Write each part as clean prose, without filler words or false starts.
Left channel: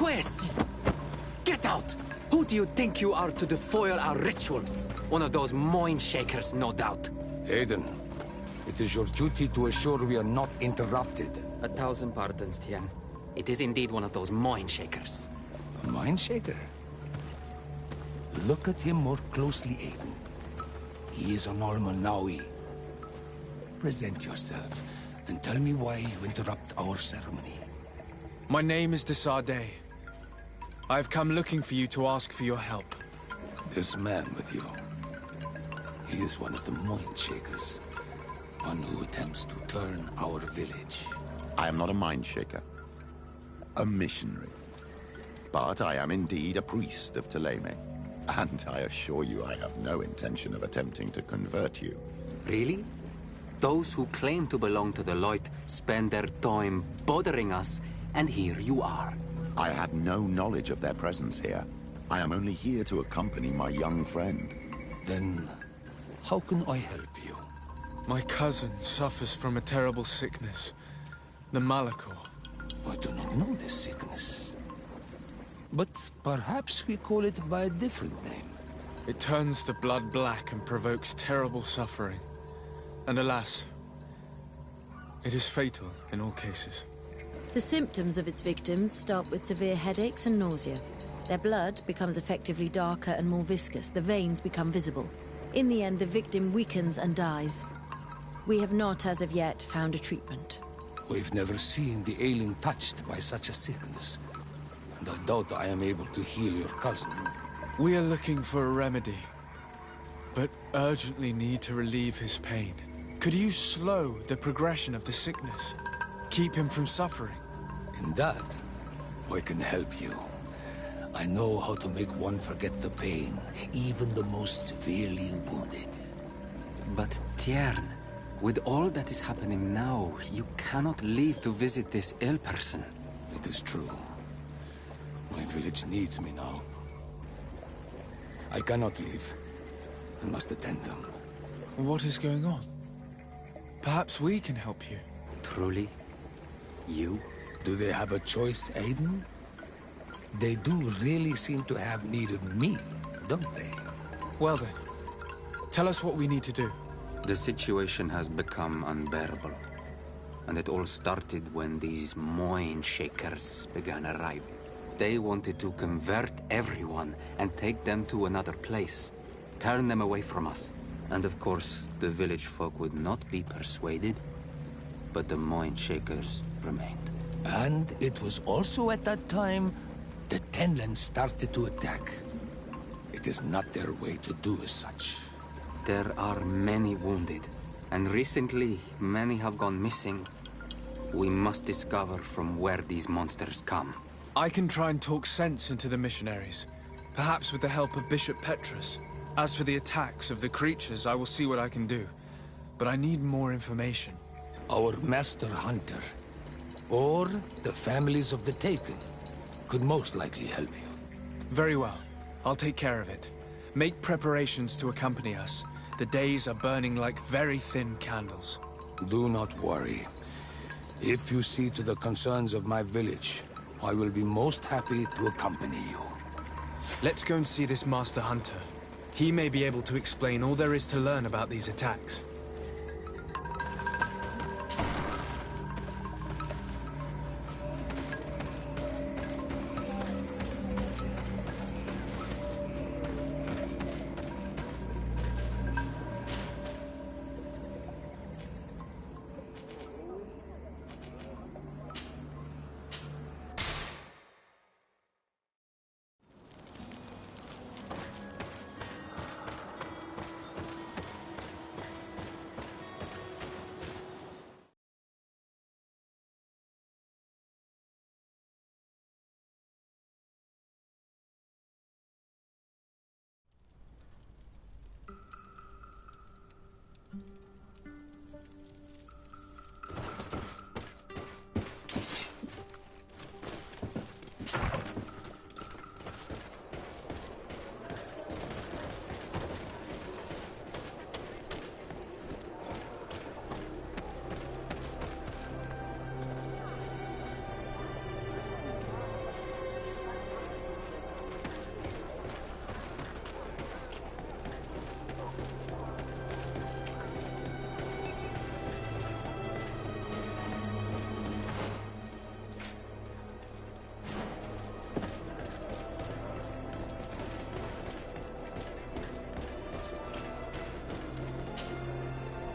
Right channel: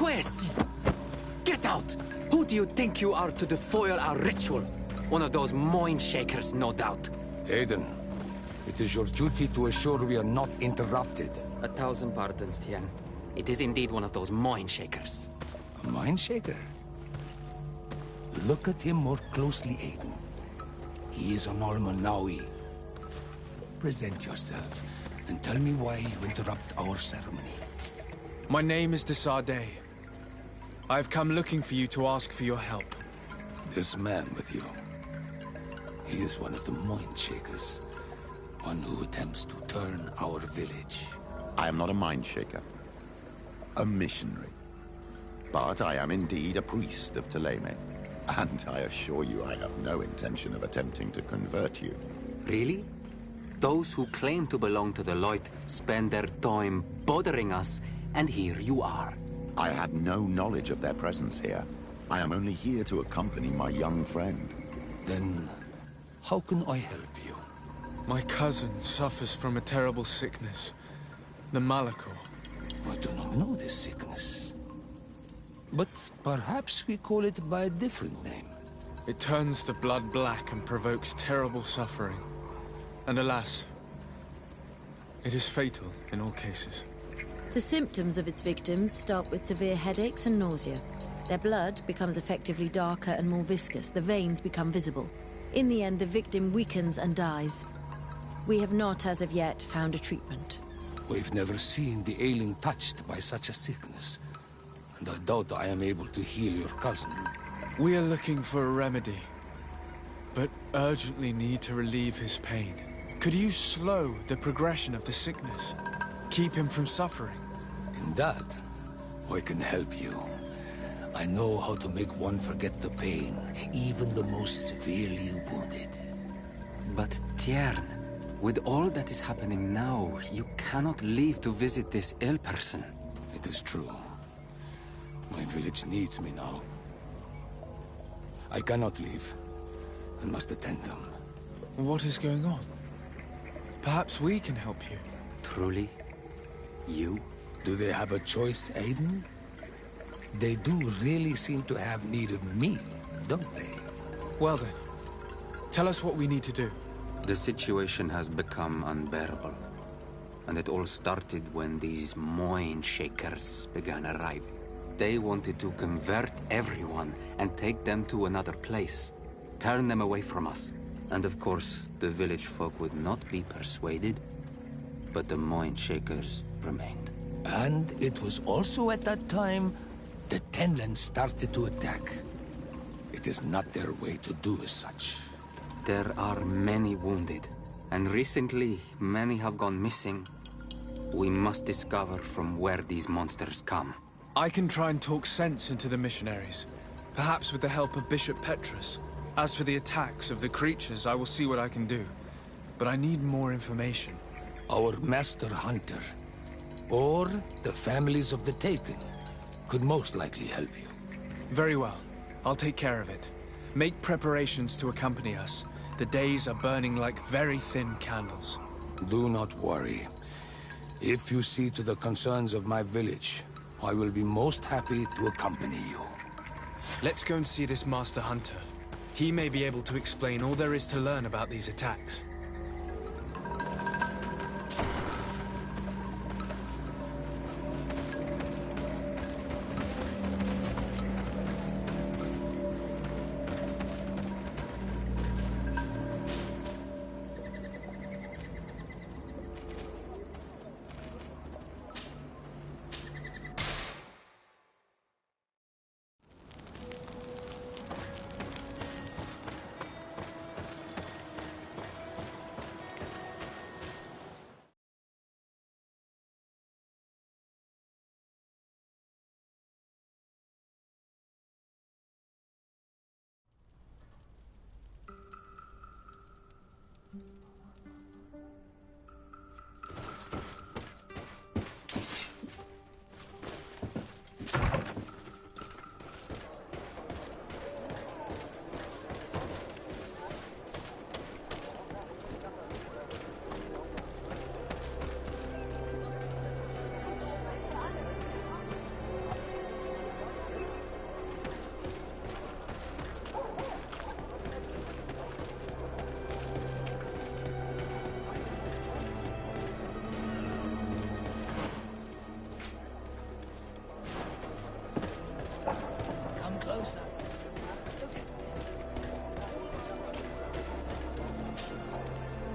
Quiz! Get out! Who do you think you are to defoil our ritual? One of those mind shakers, no doubt. Aiden, it is your duty to assure we are not interrupted. 1,000 pardons, Tien. It is indeed one of those mind shakers. A mind shaker? Look at him more closely, Aiden. He is an Almanawi. Present yourself, and tell me why you interrupt our ceremony. My name is Desade. I have come looking for you to ask for your help. This man with you, he is one of the mind shakers. One who attempts to turn our village. I am not a mind shaker. A missionary. But I am indeed a priest of Thélème. And I assure you I have no intention of attempting to convert you. Really? Those who claim to belong to the Light spend their time bothering us, and here you are. I had no knowledge of their presence here. I am only here to accompany my young friend. Then, how can I help you? My cousin suffers from a terrible sickness. The Malachor. I do not know this sickness. But perhaps we call it by a different name. It turns the blood black and provokes terrible suffering. And alas, it is fatal in all cases. The symptoms of its victims start with severe headaches and nausea. Their blood becomes effectively darker and more viscous. The veins become visible. In the end, the victim weakens and dies. We have not, as of yet, found a treatment. We've never seen the ailing touched by such a sickness. And I doubt I am able to heal your cousin. We are looking for a remedy, but urgently need to relieve his pain. Could you slow the progression of the sickness? Keep him from suffering? In that, I can help you. I know how to make one forget the pain, even the most severely wounded. But Tiern, with all that is happening now, you cannot leave to visit this ill person. It is true. My village needs me now. I cannot leave. I must attend them. What is going on? Perhaps we can help you. Truly? You? Do they have a choice, Aiden? They do really seem to have need of me, don't they? Well then, tell us what we need to do. The situation has become unbearable. And it all started when these mind shakers began arriving. They wanted to convert everyone and take them to another place. Turn them away from us. And of course, the village folk would not be persuaded. But the mind shakers remained. And it was also at that time the Tenland started to attack. It is not their way to do as such. There are many wounded, and recently many have gone missing. We must discover from where these monsters come. I can try and talk sense into the missionaries, perhaps with the help of Bishop Petrus. As for the attacks of the creatures, I will see what I can do. But I need more information. Our master hunter, or the families of the Taken, could most likely help you. Very well. I'll take care of it. Make preparations to accompany us. The days are burning like very thin candles. Do not worry. If you see to the concerns of my village, I will be most happy to accompany you. Let's go and see this Master Hunter. He may be able to explain all there is to learn about these attacks.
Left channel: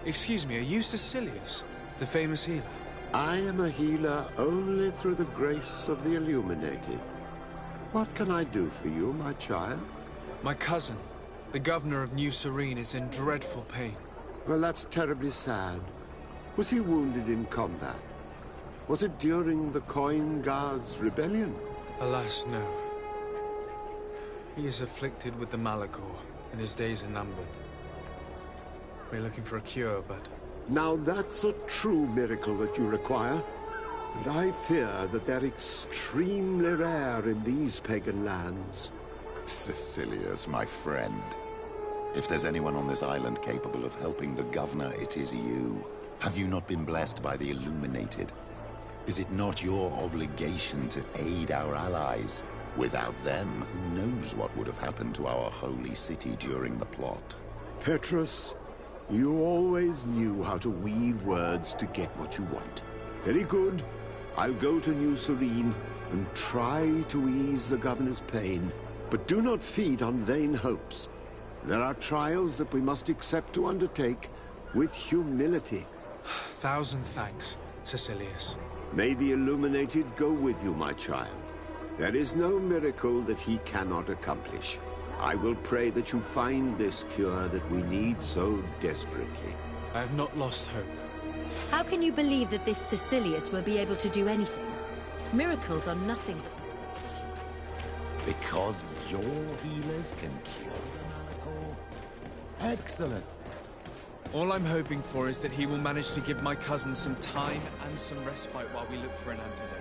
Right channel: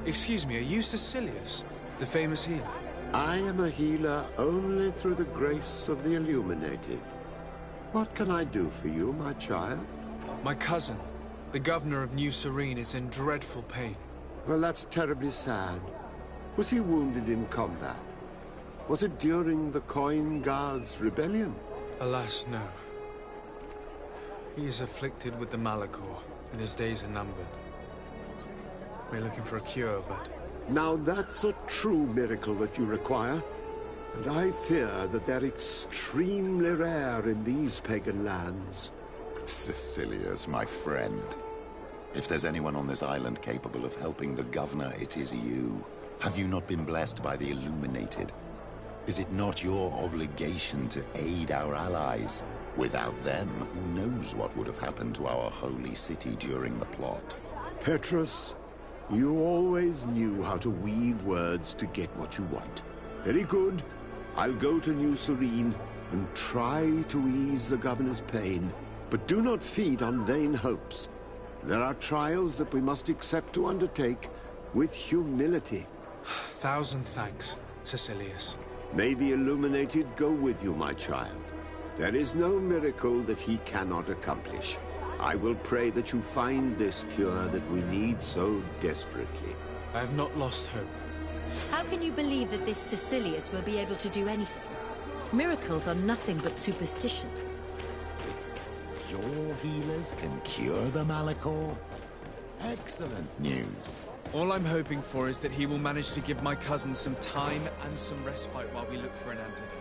Excuse me, are you Cecilius, the famous healer? I am a healer only through the grace of the Illuminated. What can I do for you, my child? My cousin, the governor of New Serene, is in dreadful pain. Well, that's terribly sad. Was he wounded in combat? Was it during the Coin Guards' rebellion? Alas, no. He is afflicted with the Malachor, and his days are numbered. We're looking for a cure, but... Now that's a true miracle that you require. And I fear that they're extremely rare in these pagan lands. Cecilius, my friend. If there's anyone on this island capable of helping the governor, it is you. Have you not been blessed by the Illuminated? Is it not your obligation to aid our allies? Without them, who knows what would have happened to our holy city during the plot? Petrus, you always knew how to weave words to get what you want. Very good. I'll go to New Serene and try to ease the governor's pain. But do not feed on vain hopes. There are trials that we must accept to undertake with humility. Thousand thanks, Cecilius. May the Illuminated go with you, my child. There is no miracle that he cannot accomplish. I will pray that you find this cure that we need so desperately. I have not lost hope. How can you believe that this Cecilius will be able to do anything? Miracles are nothing but superstitions. Because your healers can cure the Malachor? Excellent news. All I'm hoping for is that he will manage to give my cousin some time and some respite while we look for an antidote.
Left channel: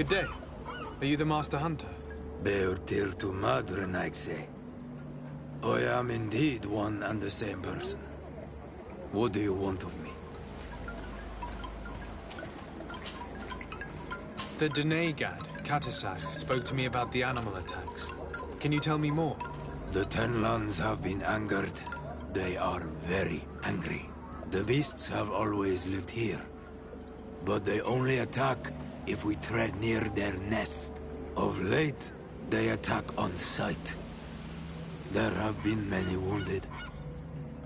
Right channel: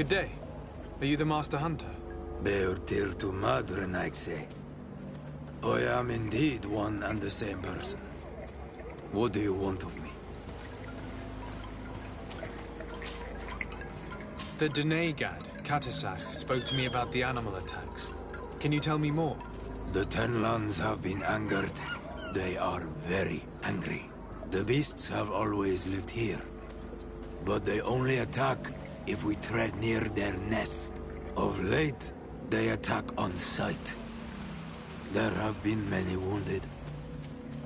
Good day. Are you the Master Hunter? Beortir tu madre, Naixe. I am indeed one and the same person. What do you want of me? The Denegad, Katasach, spoke to me about the animal attacks. Can you tell me more? The Tenlands have been angered. They are very angry. The beasts have always lived here. But they only attack if we tread near their nest. Of late, they attack on sight. There have been many wounded,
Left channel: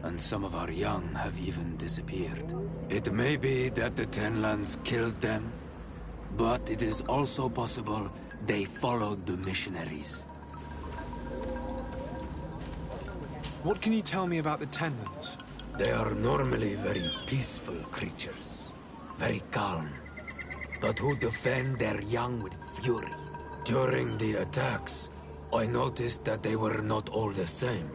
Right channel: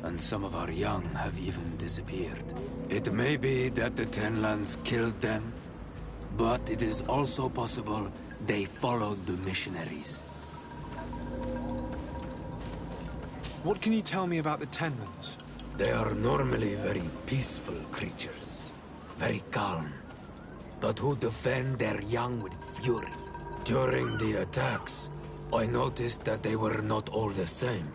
and some of our young have even disappeared. It may be that the Tenlands killed them, but it is also possible they followed the missionaries. What can you tell me about the Tenlands? They are normally very peaceful creatures, very calm, but who defend their young with fury. During the attacks, I noticed that they were not all the same.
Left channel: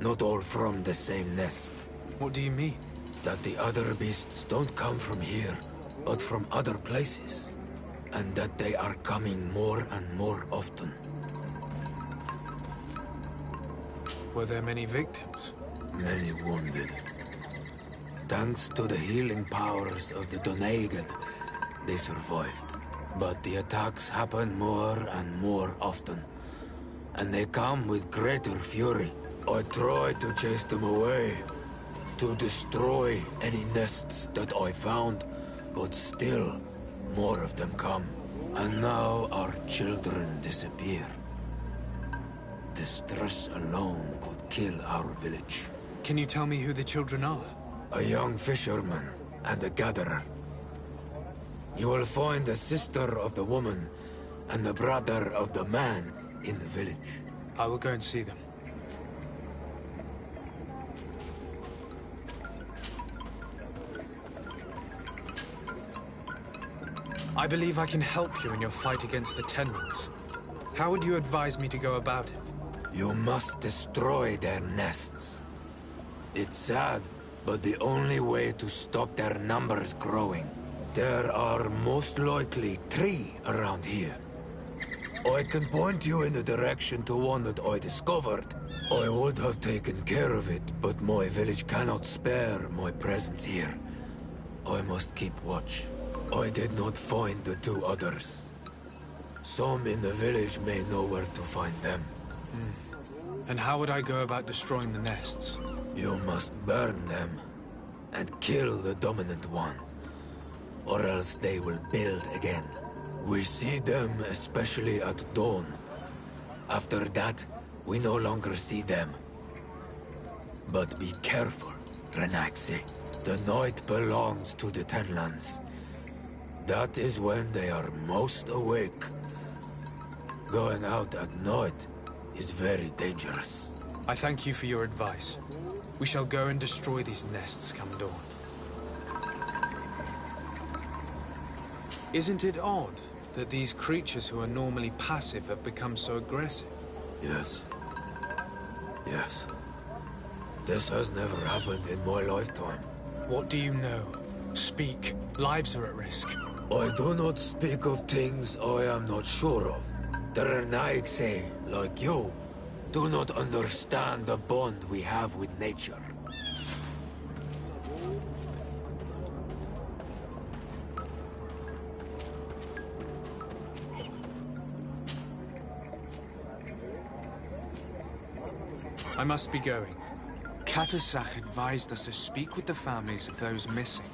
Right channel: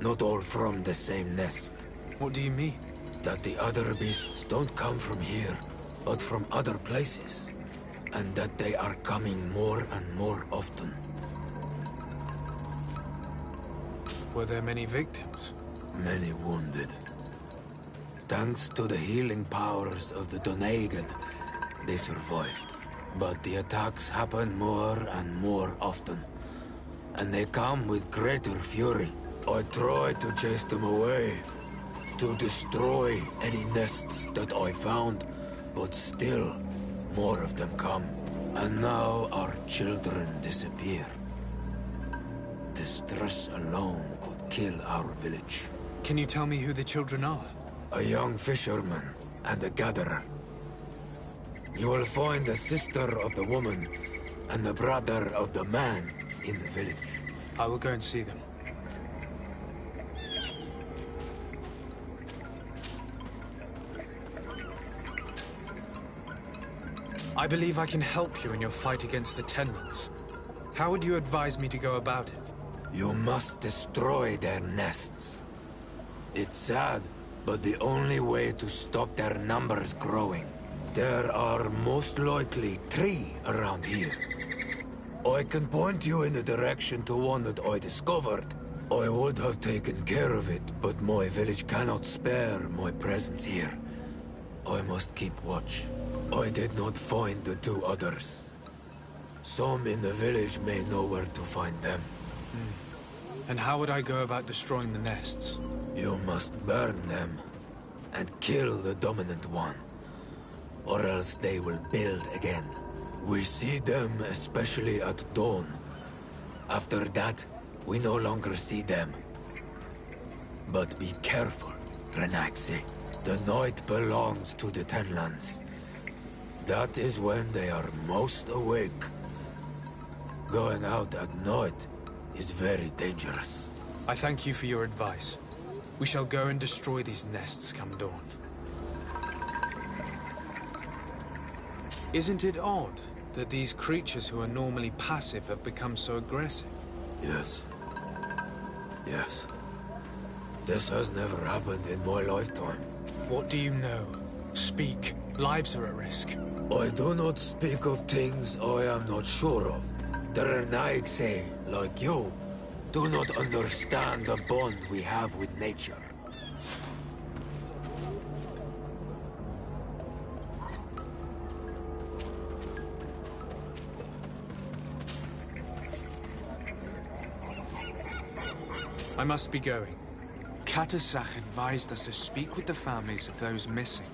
Not all from the same nest. What do you mean? That the other beasts don't come from here, but from other places. And that they are coming more and more often. Were there many victims? Many wounded. Thanks to the healing powers of the Donegan, they survived. But the attacks happen more and more often. And they come with greater fury. I try to chase them away, to destroy any nests that I found, but still, more of them come. And now our children disappear. The stress alone could kill our village. Can you tell me who the children are? A young fisherman and a gatherer. You will find the sister of the woman and the brother of the man in the village. I will go and see them. I believe I can help you in your fight against the Tenlands. How would you advise me to go about it? You must destroy their nests. It's sad, but the only way to stop their numbers growing. There are most likely 3 around here. I can point you in the direction to one that I discovered. I would have taken care of it, but my village cannot spare my presence here. I must keep watch. I did not find the 2 others. Some in the village may know where to find them. And how would I go about destroying the nests? You must burn them and kill the dominant one, or else they will build again. We see them especially at dawn. After that, we no longer see them. But be careful, Renaxe. The night belongs to the Tenlands. That is when they are most awake. Going out at night is very dangerous. I thank you for your advice. We shall go and destroy these nests come dawn. Isn't it odd that these creatures who are normally passive have become so aggressive? Yes. Yes. This has never happened in my lifetime. What do you know? Speak. Lives are at risk. I do not speak of things I am not sure of. The Renaigse, like you, do not understand the bond we have with nature. I must be going. Katasach advised us to speak with the families of those missing.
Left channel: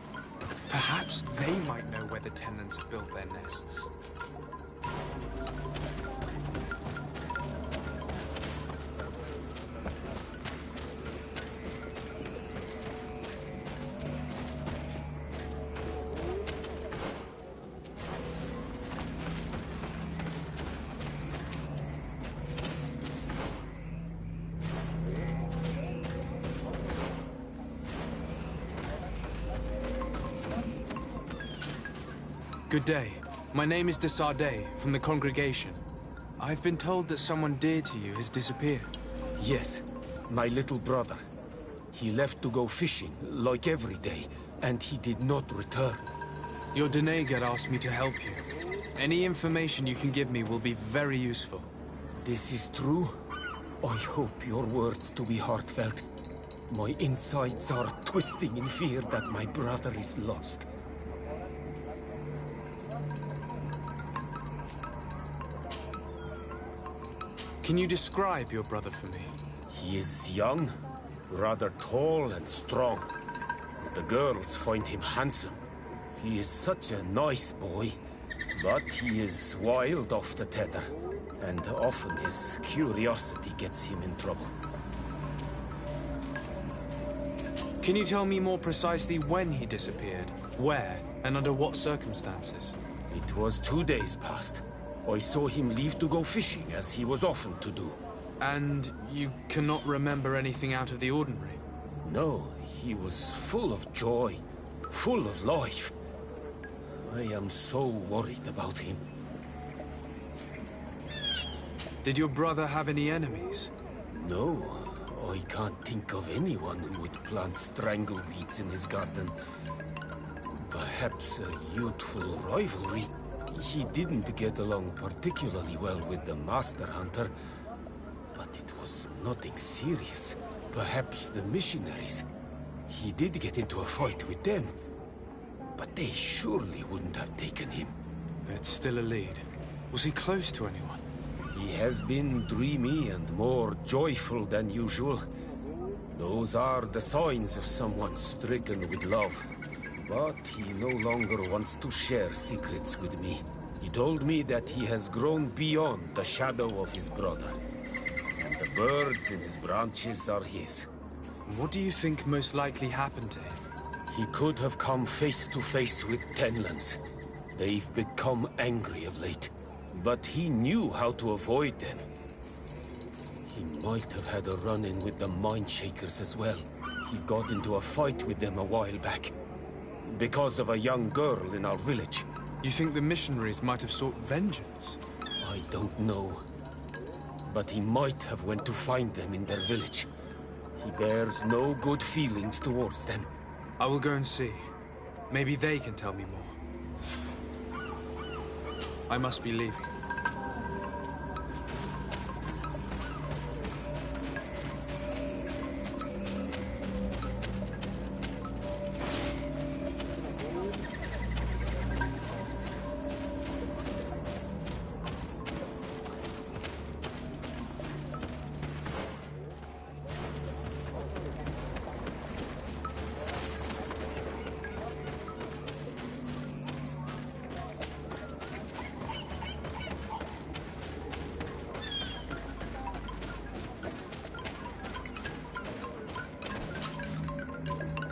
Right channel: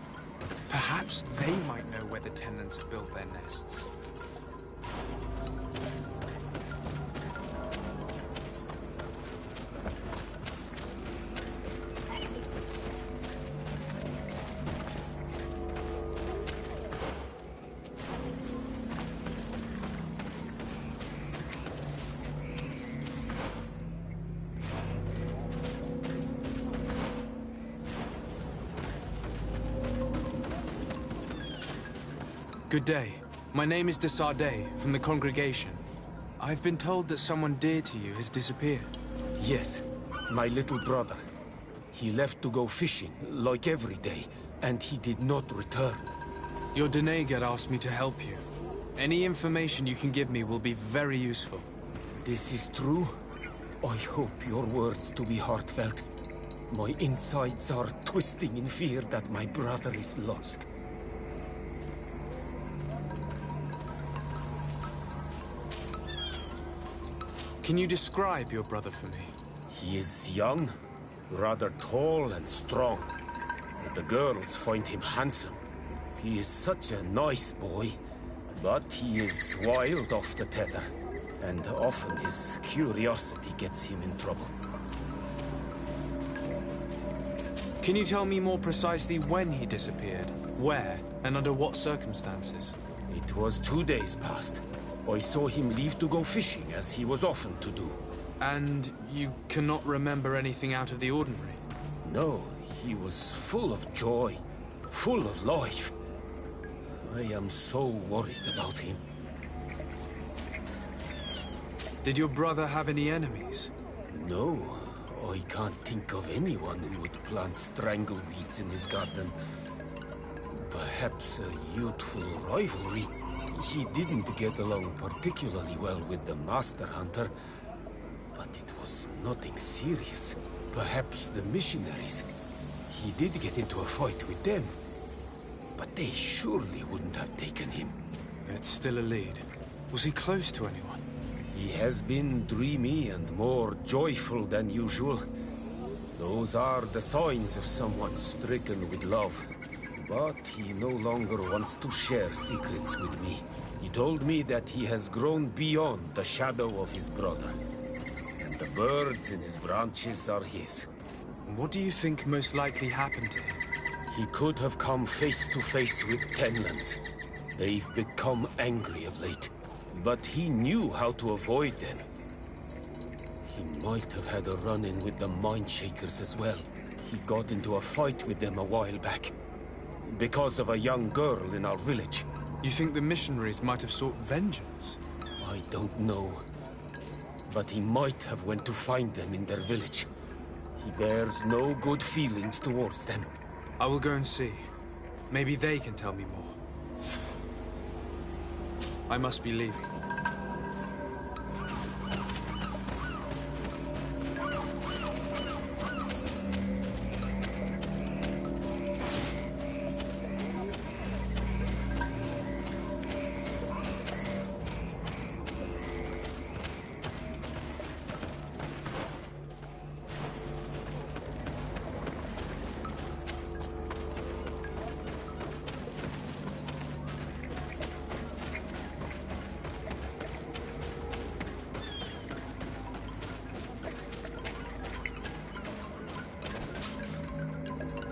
Perhaps they might know where the Tenlands have built their nests. Good day. My name is de Sardet, from the congregation. I've been told that someone dear to you has disappeared. Yes, my little brother. He left to go fishing, like every day, and he did not return. Your Denegad asked me to help you. Any information you can give me will be very useful. This is true? I hope your words to be heartfelt. My insides are twisting in fear that my brother is lost. Can you describe your brother for me? He is young, rather tall and strong. The girls find him handsome. He is such a nice boy, but he is wild off the tether, and often his curiosity gets him in trouble. Can you tell me more precisely when he disappeared, where, and under what circumstances? It was 2 days past. I saw him leave to go fishing, as he was often to do. And you cannot remember anything out of the ordinary? No, he was full of joy, full of life. I am so worried about him. Did your brother have any enemies? No, I can't think of anyone who would plant strangleweeds in his garden. Perhaps a youthful rivalry. He didn't get along particularly well with the Master Hunter, but it was nothing serious. Perhaps the missionaries. He did get into a fight with them, but they surely wouldn't have taken him. It's still a lead. Was he close to anyone? He has been dreamy and more joyful than usual. Those are the signs of someone stricken with love. But he no longer wants to share secrets with me. He told me that he has grown beyond the shadow of his brother. And the birds in his branches are his. What do you think most likely happened to him? He could have come face to face with Tenlands. They've become angry of late. But he knew how to avoid them. He might have had a run-in with the Mindshakers as well. He got into a fight with them a while back. Because of a young girl in our village. You think the missionaries might have sought vengeance? I don't know. But he might have went to find them in their village. He bears no good feelings towards them. I will go and see. Maybe they can tell me more. I must be leaving.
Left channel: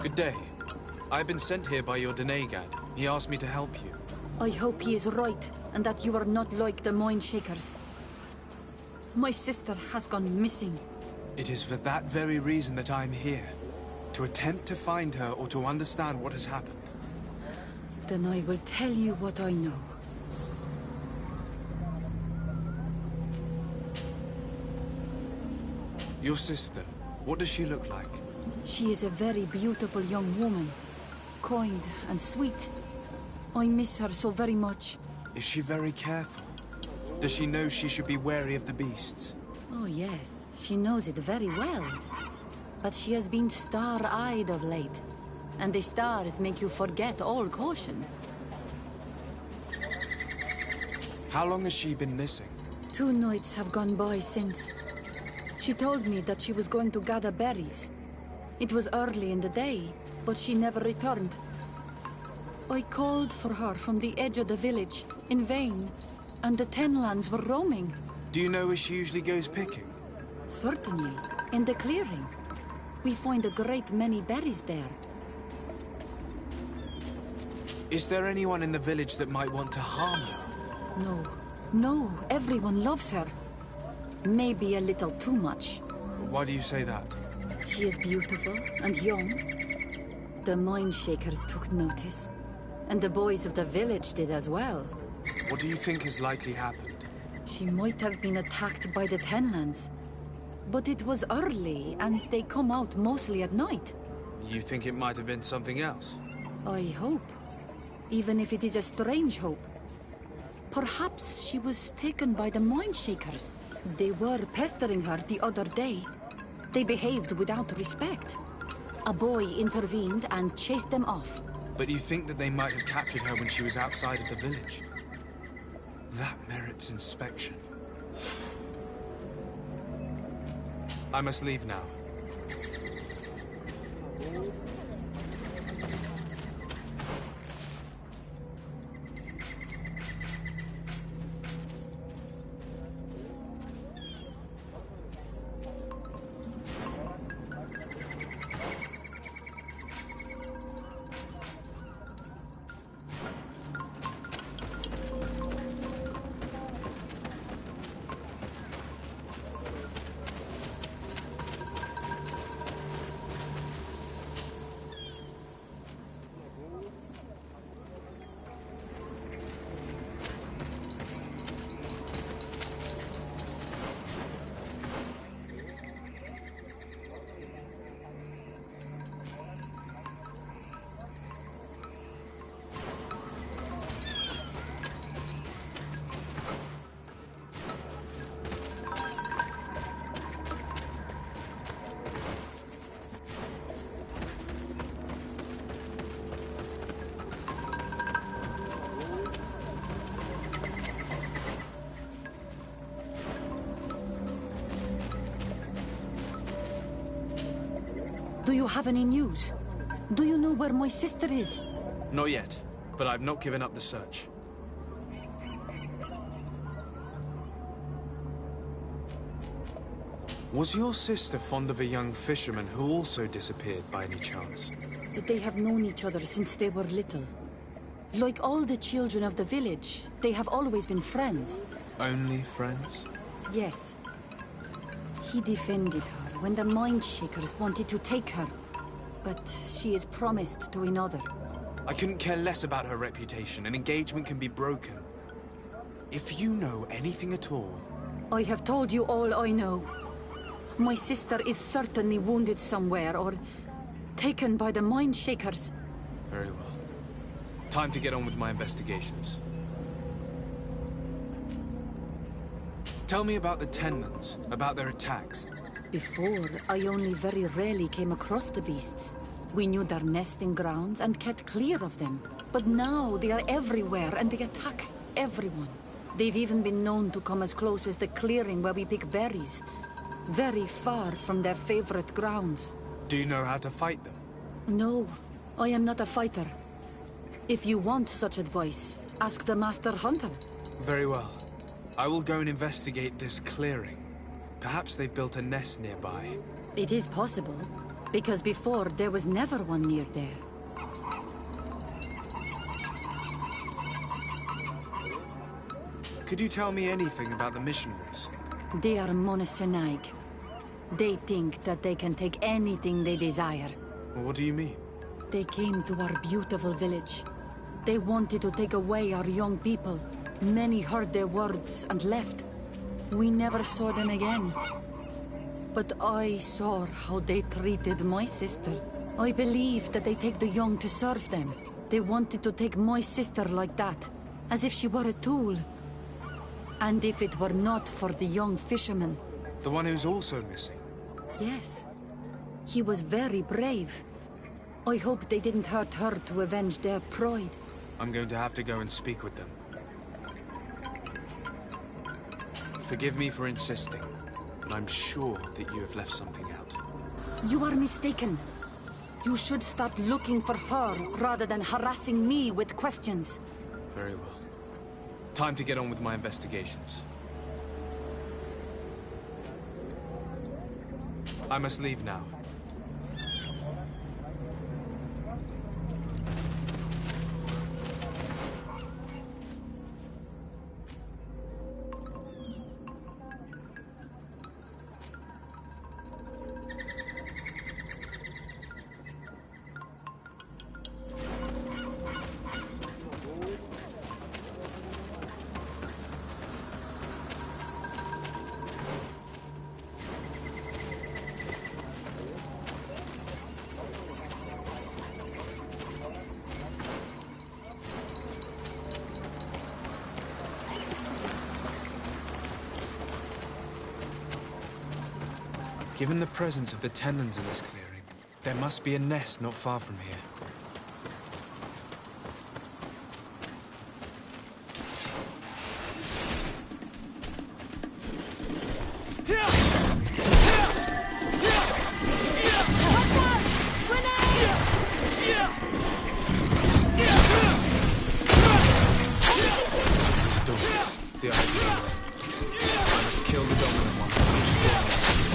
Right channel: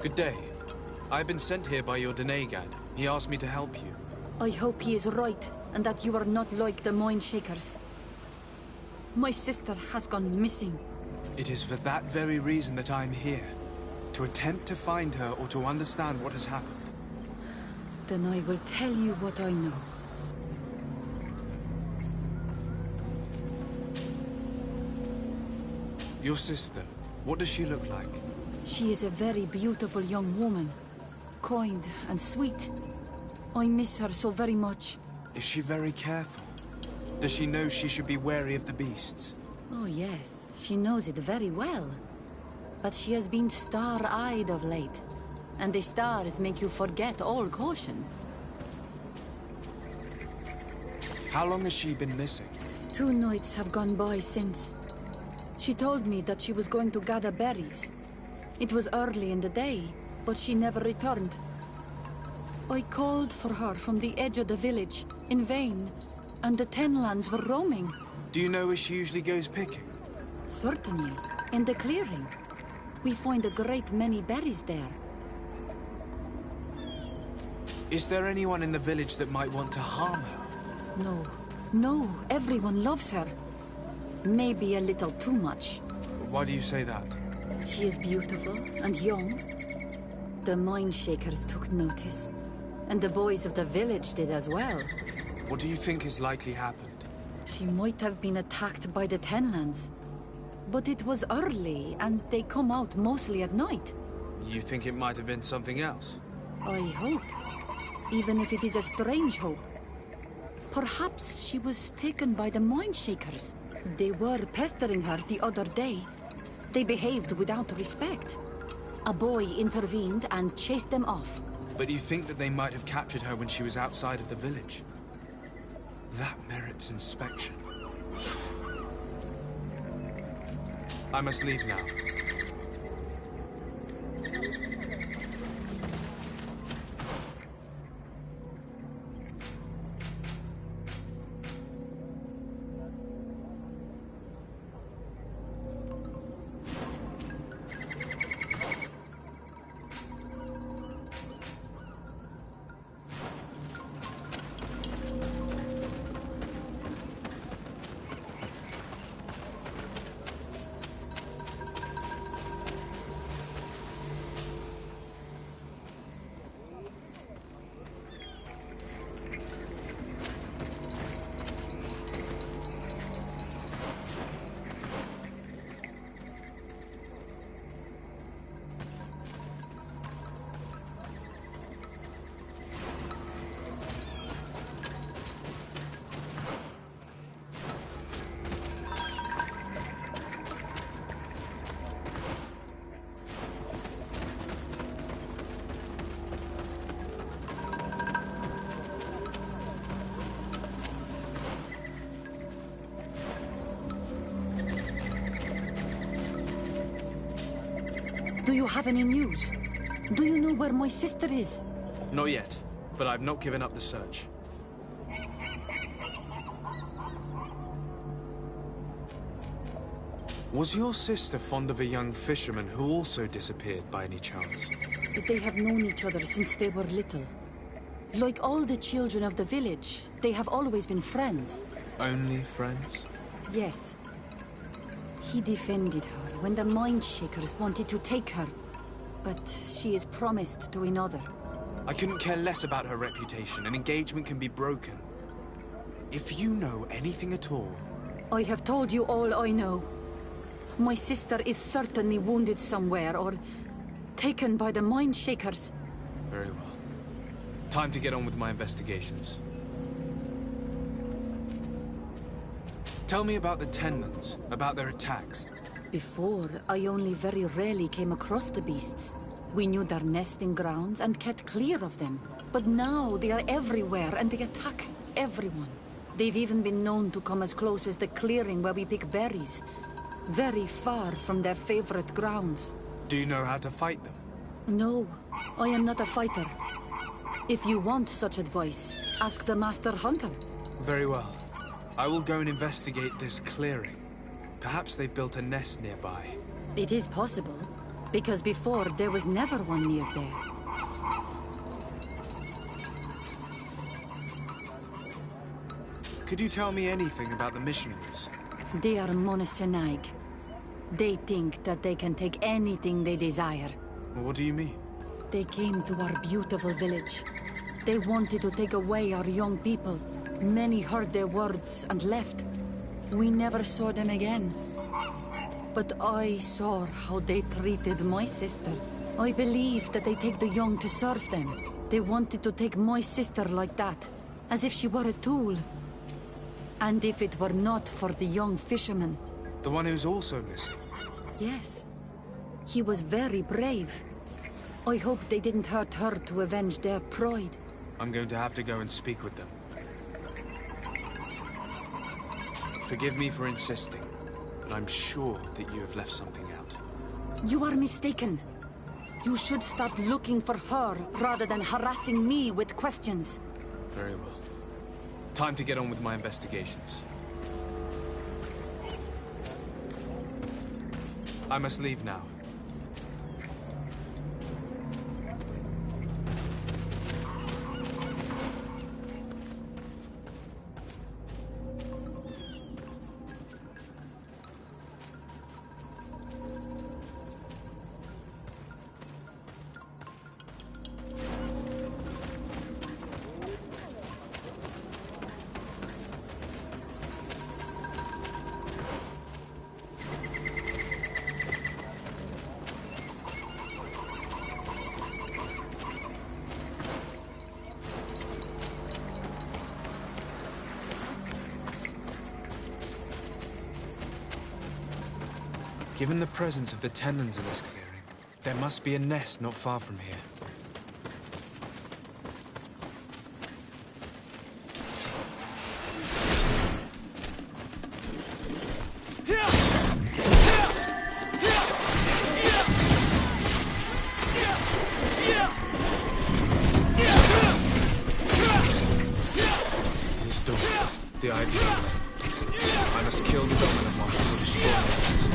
Good day. I've been sent here by your Denegad. He asked me to help you. I hope he is right, and that you are not like the Mindshakers. My sister has gone missing. It is for that very reason that I'm here. To attempt to find her or to understand what has happened. Then I will tell you what I know. Your sister, what does she look like? She is a very beautiful young woman. Kind and sweet. I miss her so very much. Is she very careful? Does she know she should be wary of the beasts? Oh yes, she knows it very well. But she has been star-eyed of late. And the stars make you forget all caution. How long has she been missing? 2 nights have gone by since. She told me that she was going to gather berries. It was early in the day, but she never returned. I called for her from the edge of the village, in vain, and the Tenlands were roaming. Do you know where she usually goes picking? Certainly, in the clearing. We find a great many berries there. Is there anyone in the village that might want to harm her? No, everyone loves her. Maybe a little too much. Why do you say that? She is beautiful and young. The Mindshakers took notice. And the boys of the village did as well. What do you think has likely happened? She might have been attacked by the Tenlands. But it was early, and they come out mostly at night. You think it might have been something else? I hope. Even if it is a strange hope. Perhaps she was taken by the Mindshakers. They were pestering her the other day. They behaved without respect. A boy intervened and chased them off. But you think that they might have captured her when she was outside of the village? That merits inspection. I must leave now. Do you have any news? Do you know where my sister is? Not yet, but I've not given up the search. Was your sister fond of a young fisherman who also disappeared by any chance? They have known each other since they were little. Like all the children of the village, they have always been friends. Only friends? Yes. He defended her when the Mindshakers wanted to take her. But she is promised to another. I couldn't care less about her reputation. An engagement can be broken. If you know anything at all... I have told you all I know. My sister is certainly wounded somewhere, or taken by the Mindshakers. Very well. Time to get on with my investigations. Tell me about the Tenlans, about their attacks. Before, I only very rarely came across the beasts. We knew their nesting grounds and kept clear of them. But now they are everywhere and they attack everyone. They've even been known to come as close as the clearing where we pick berries. Very far from their favorite grounds. Do you know how to fight them? No, I am not a fighter. If you want such advice, ask the Master Hunter. Very well. I will go and investigate this clearing. Perhaps they built a nest nearby. It is possible, because before there was never one near there. Could you tell me anything about the missionaries? They are monosynaig. They think that they can take anything they desire. What do you mean? They came to our beautiful village. They wanted to take away our young people. Many heard their words and left. We never saw them again. But I saw how they treated my sister. I believe that they take the young to serve them. They wanted to take my sister like that, as if she were a tool. And if it were not for the young fisherman... The one who's also missing? Yes. He was very brave. I hope they didn't hurt her to avenge their pride. I'm going to have to go and speak with them. Forgive me for insisting, but I'm sure that you have left something out. You are mistaken. You should start looking for her rather than harassing me with questions. Very well. Time to get on with my investigations. I must leave now. Given the presence of the Tenlans in this clearing, there must be a nest not far from here. the ideal way. I must kill the dominant one to destroy the rest.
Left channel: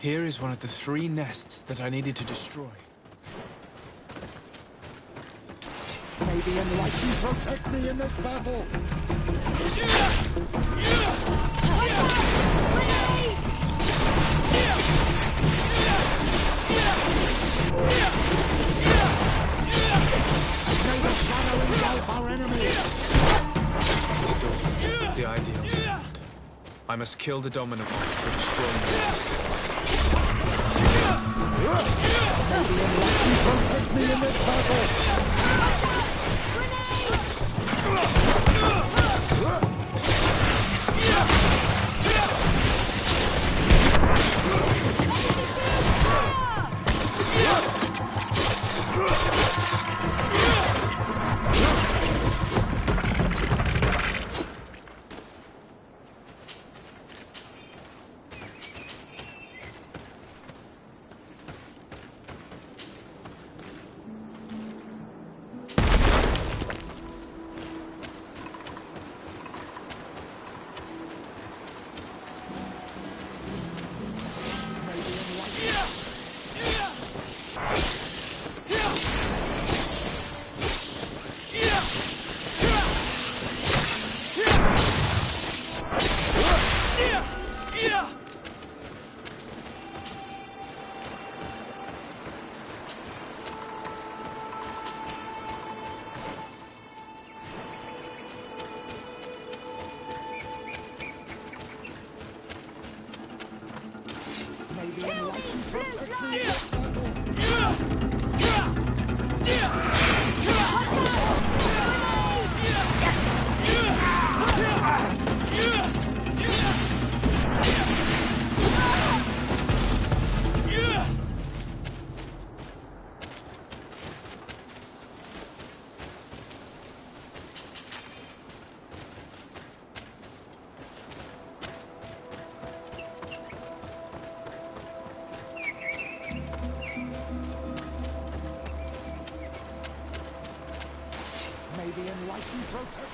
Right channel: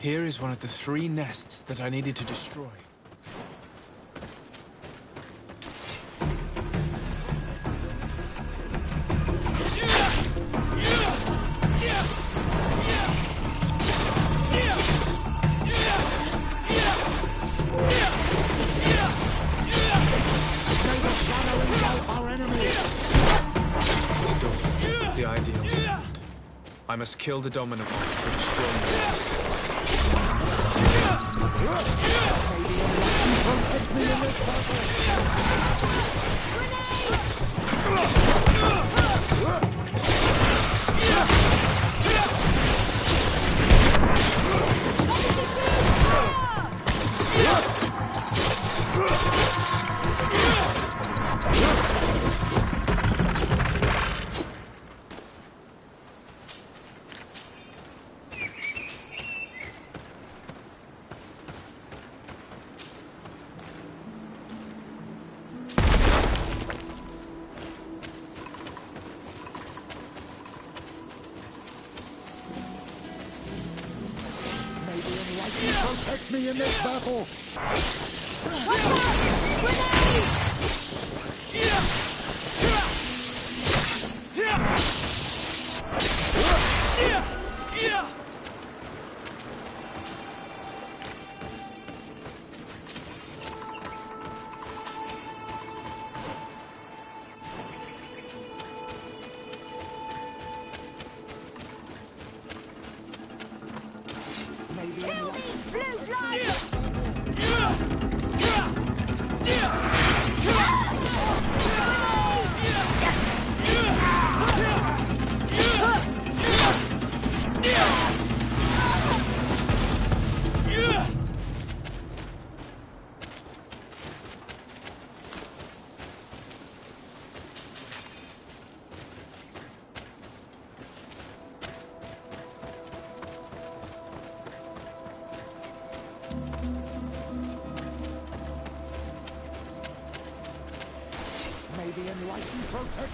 Here is one of the 3 nests that I needed to destroy. May the Enlightened protect me in this battle! May the shadow engulf our enemies! The ideal field. I must kill the dominant one for destroying the rest. May the Enlightened protect me in this battle! the enlightened protect.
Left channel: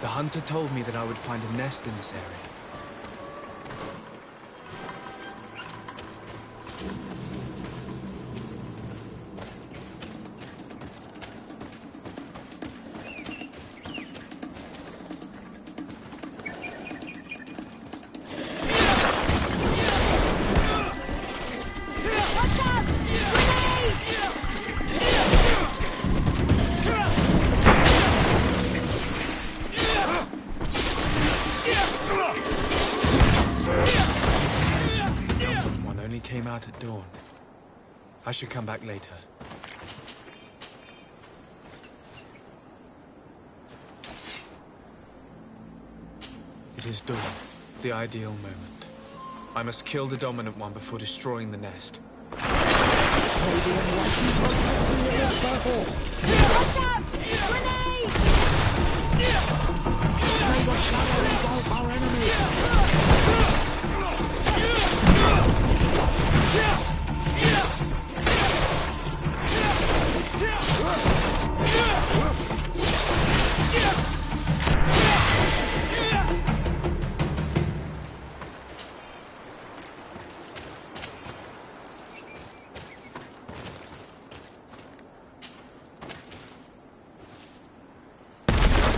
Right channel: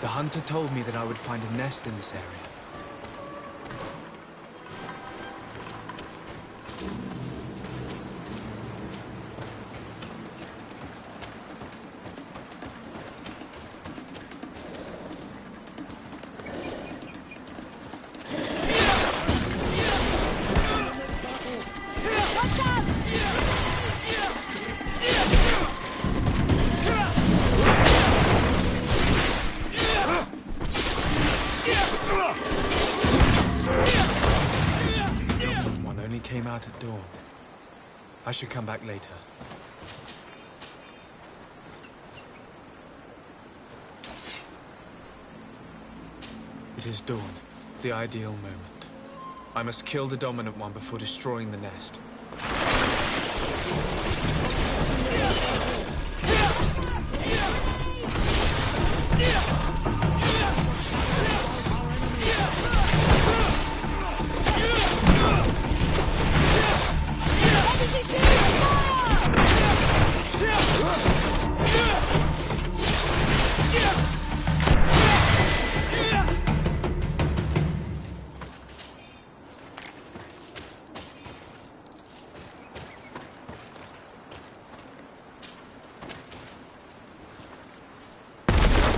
The hunter told me that I would find a nest in this area. Came out at dawn. I should come back later. It is dawn, the ideal moment. I must kill the dominant one before destroying the nest.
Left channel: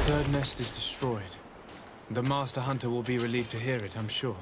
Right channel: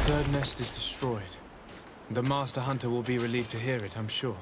The third nest is destroyed. The Master Hunter will be relieved to hear it, I'm sure.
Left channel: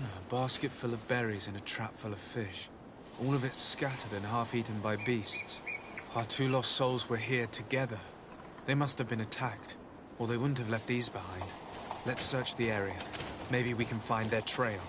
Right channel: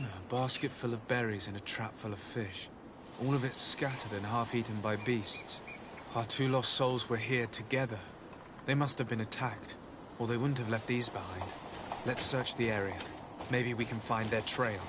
A basket full of berries and a trap full of fish. All of it scattered and half-eaten by beasts. Our two lost souls were here together. They must have been attacked, or they wouldn't have left these behind. Let's search the area. Maybe we can find their trail.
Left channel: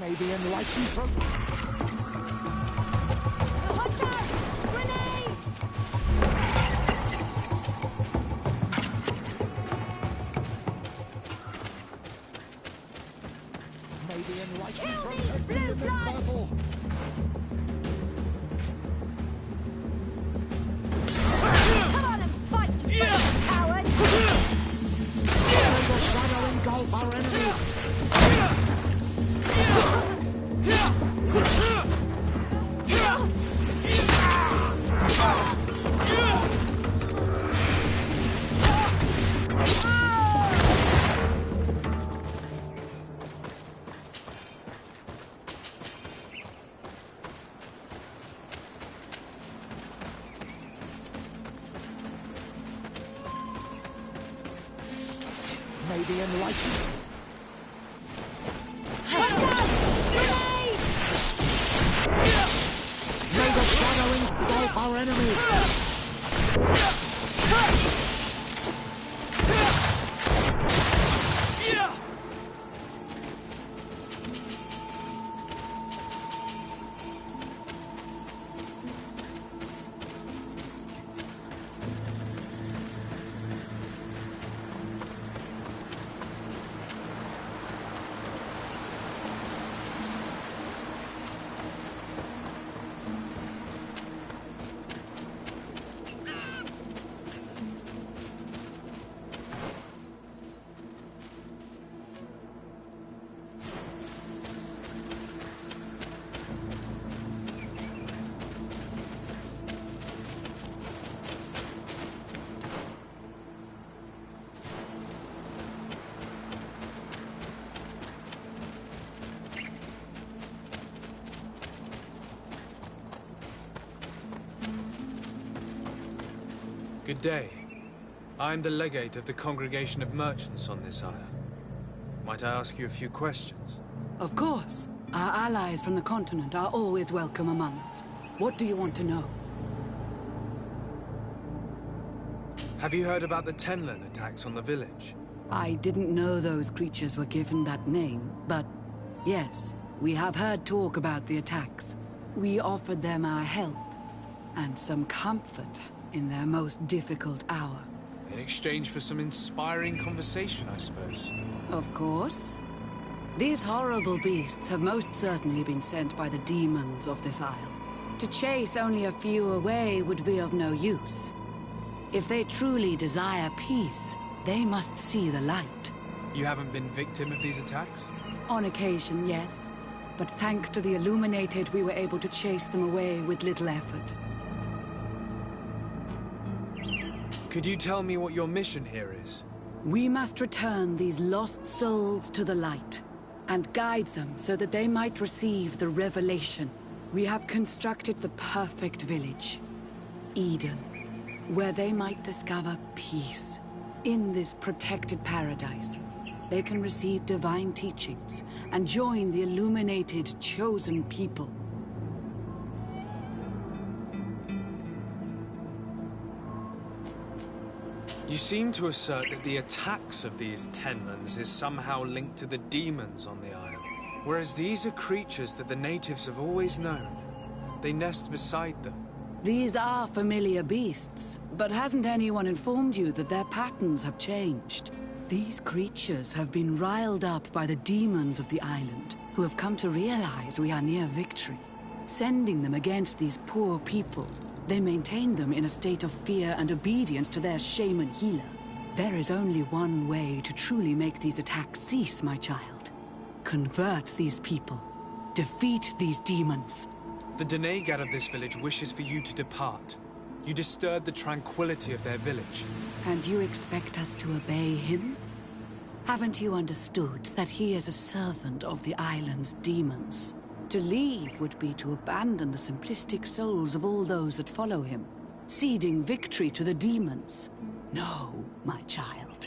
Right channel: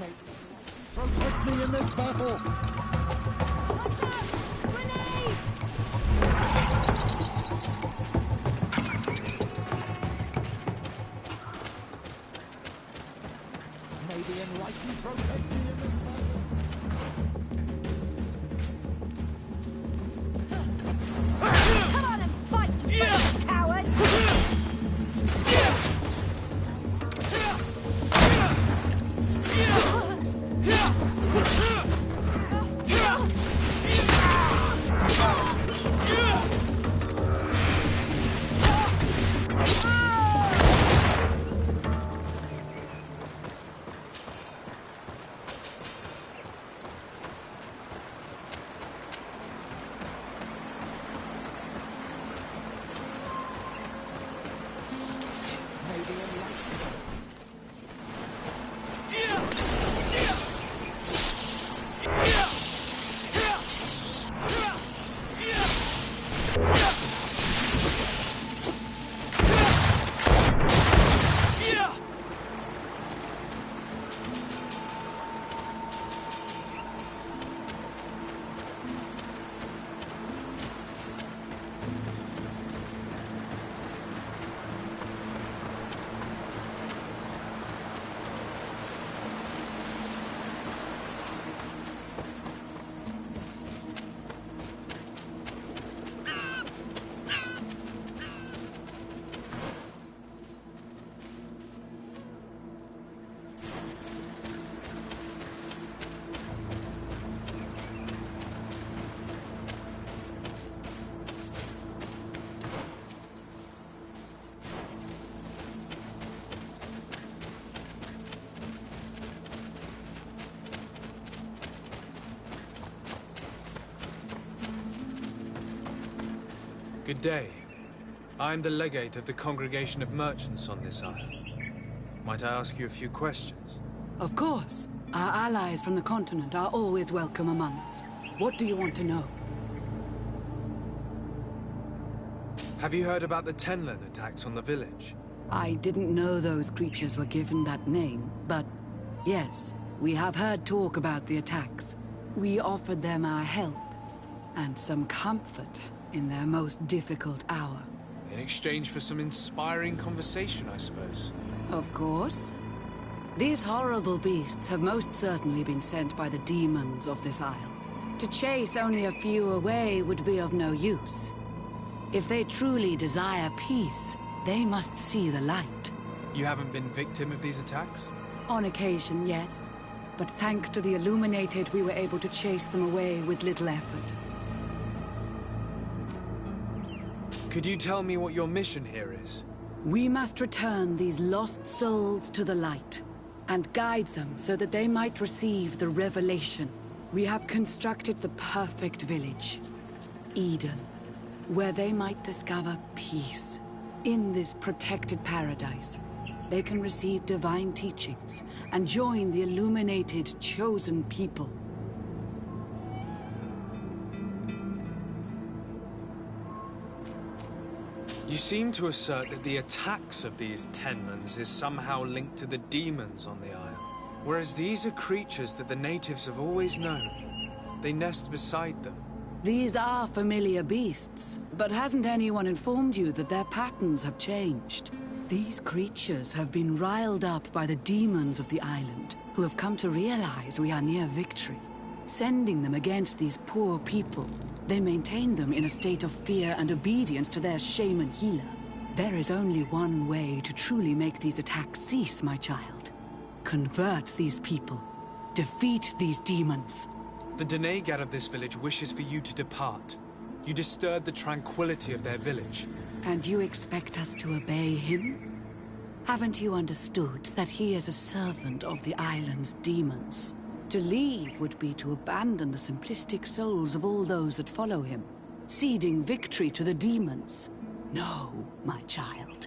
May the enlightened protect me in this battle! Watch out! Grenade! May the enlightened protect me in this battle! Come on and fight, you cowards! Shadow engulf our enemies! May the enlightened... May the shadow engulf our enemies! Good day. I'm the legate of the Congregation of Merchants on this isle. Might I ask you a few questions? Of course. Our allies from the continent are always welcome among us. What do you want to know? Have you heard about the Tenlin attacks on the village? I didn't know those creatures were given that name, but yes, we have heard talk about the attacks. We offered them our help and some comfort in their most difficult hour. In exchange for some inspiring conversation, I suppose. Of course. These horrible beasts have most certainly been sent by the demons of this isle. To chase only a few away would be of no use. If they truly desire peace, they must see the light. You haven't been victim of these attacks? On occasion, yes. But thanks to the Illuminated, we were able to chase them away with little effort. Could you tell me what your mission here is? We must return these lost souls to the light, and guide them so that they might receive the revelation. We have constructed the perfect village, Eden, where they might discover peace. In this protected paradise, they can receive divine teachings and join the illuminated chosen people. You seem to assert that the attacks of these Tenlins is somehow linked to the demons on the isle. Whereas these are creatures that the natives have always known. They nest beside them. These are familiar beasts, but hasn't anyone informed you that their patterns have changed? These creatures have been riled up by the demons of the island, who have come to realize we are near victory. Sending them against these poor people, they maintain them in a state of fear and obedience to their shaman healer. There is only one way to truly make these attacks cease, my child. Convert these people. Defeat these demons. The Donegad of this village wishes for you to depart. You disturb the tranquility of their village. And you expect us to obey him? Haven't you understood that he is a servant of the island's demons? To leave would be to abandon the simplistic souls of all those that follow him, ceding victory to the demons. No, my child.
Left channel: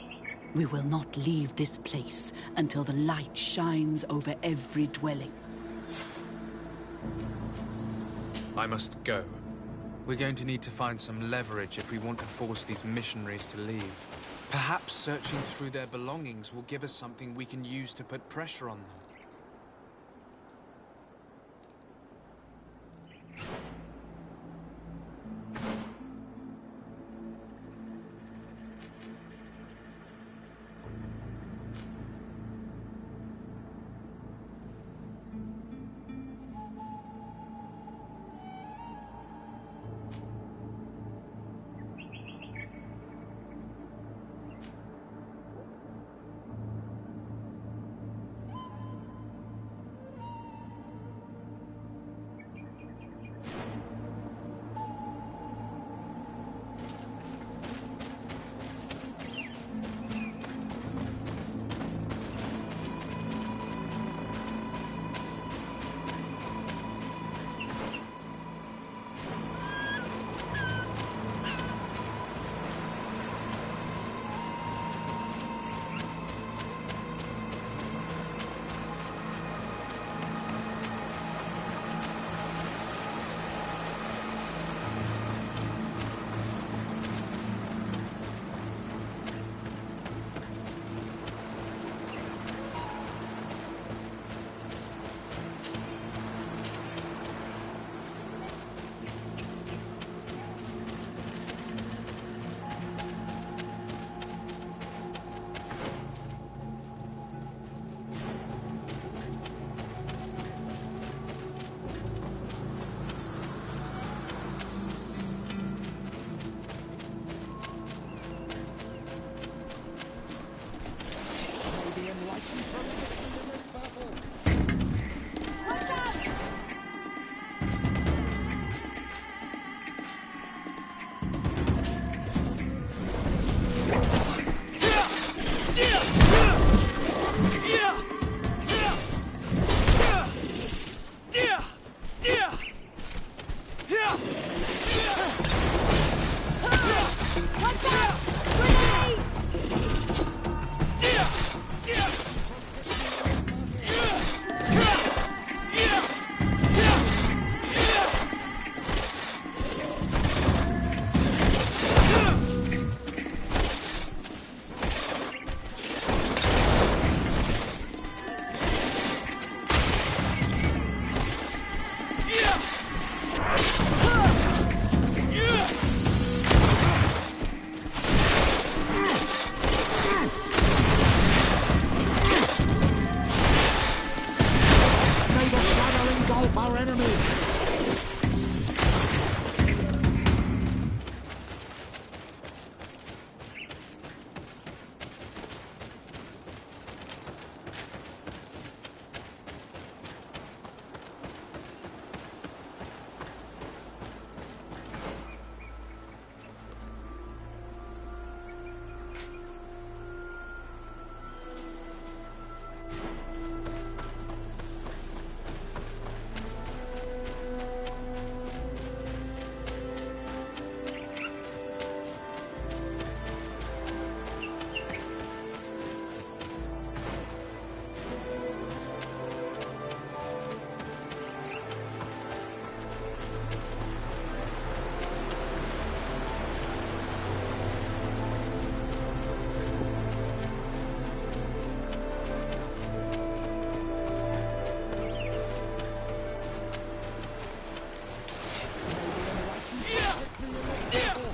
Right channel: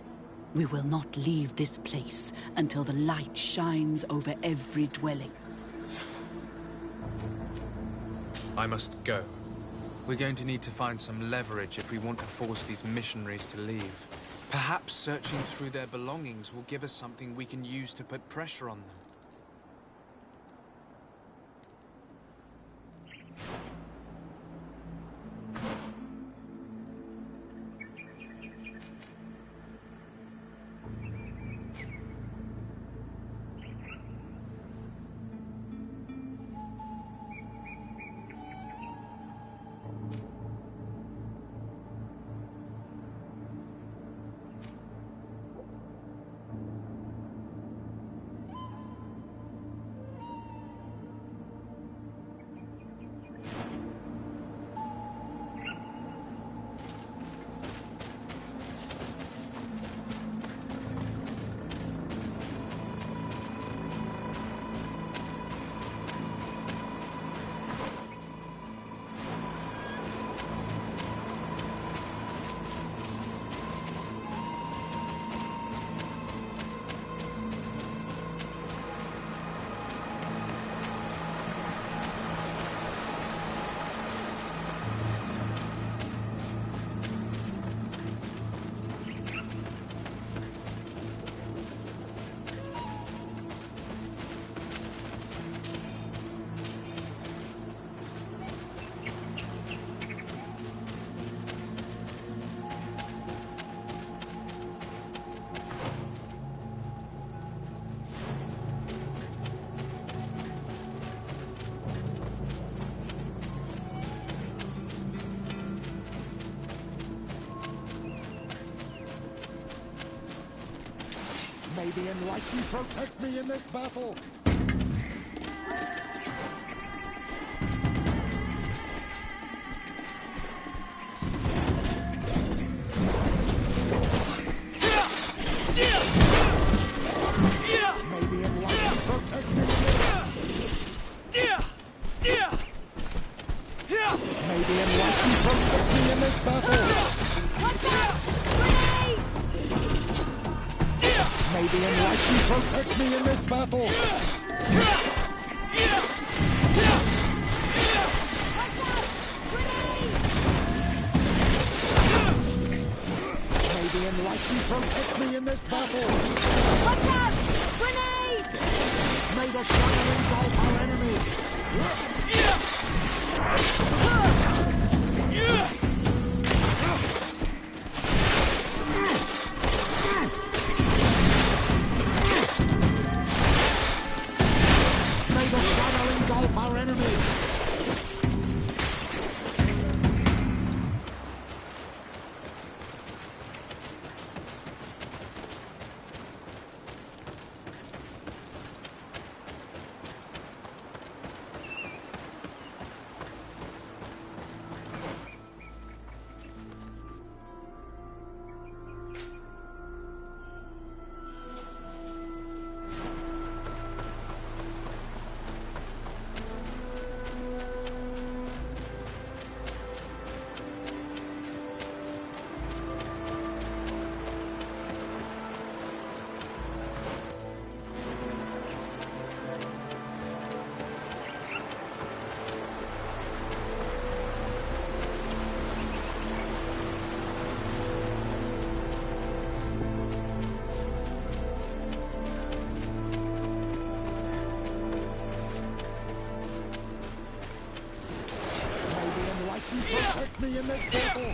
We will not leave this place until the light shines over every dwelling. I must go. We're going to need to find some leverage if we want to force these missionaries to leave. Perhaps searching through their belongings will give us something we can use to put pressure on them. May the Enlightened protect me in this battle! protect me in this battle! May the enlightened protect me in this battle! Watch out! Grenade! May the shadow engulf our enemies! May the shadow engulf our enemies! Protect me in this battle!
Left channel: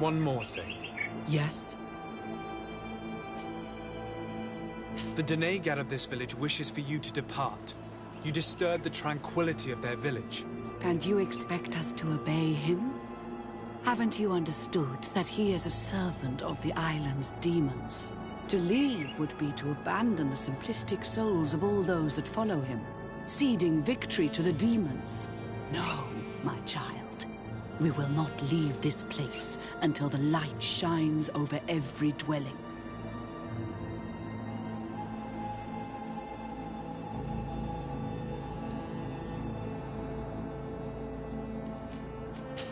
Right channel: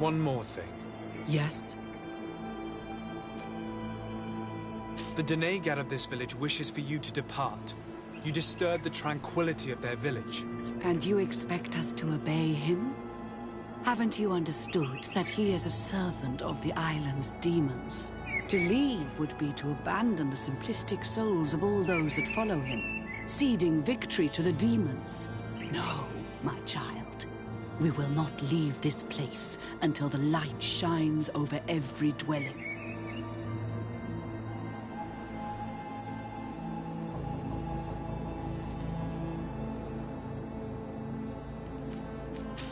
One more thing. Yes? The Denegad of this village wishes for you to depart. You disturb the tranquility of their village. And you expect us to obey him? Haven't you understood that he is a servant of the island's demons? To leave would be to abandon the simplistic souls of all those that follow him, ceding victory to the demons. No, my child. We will not leave this place until the light shines over every dwelling.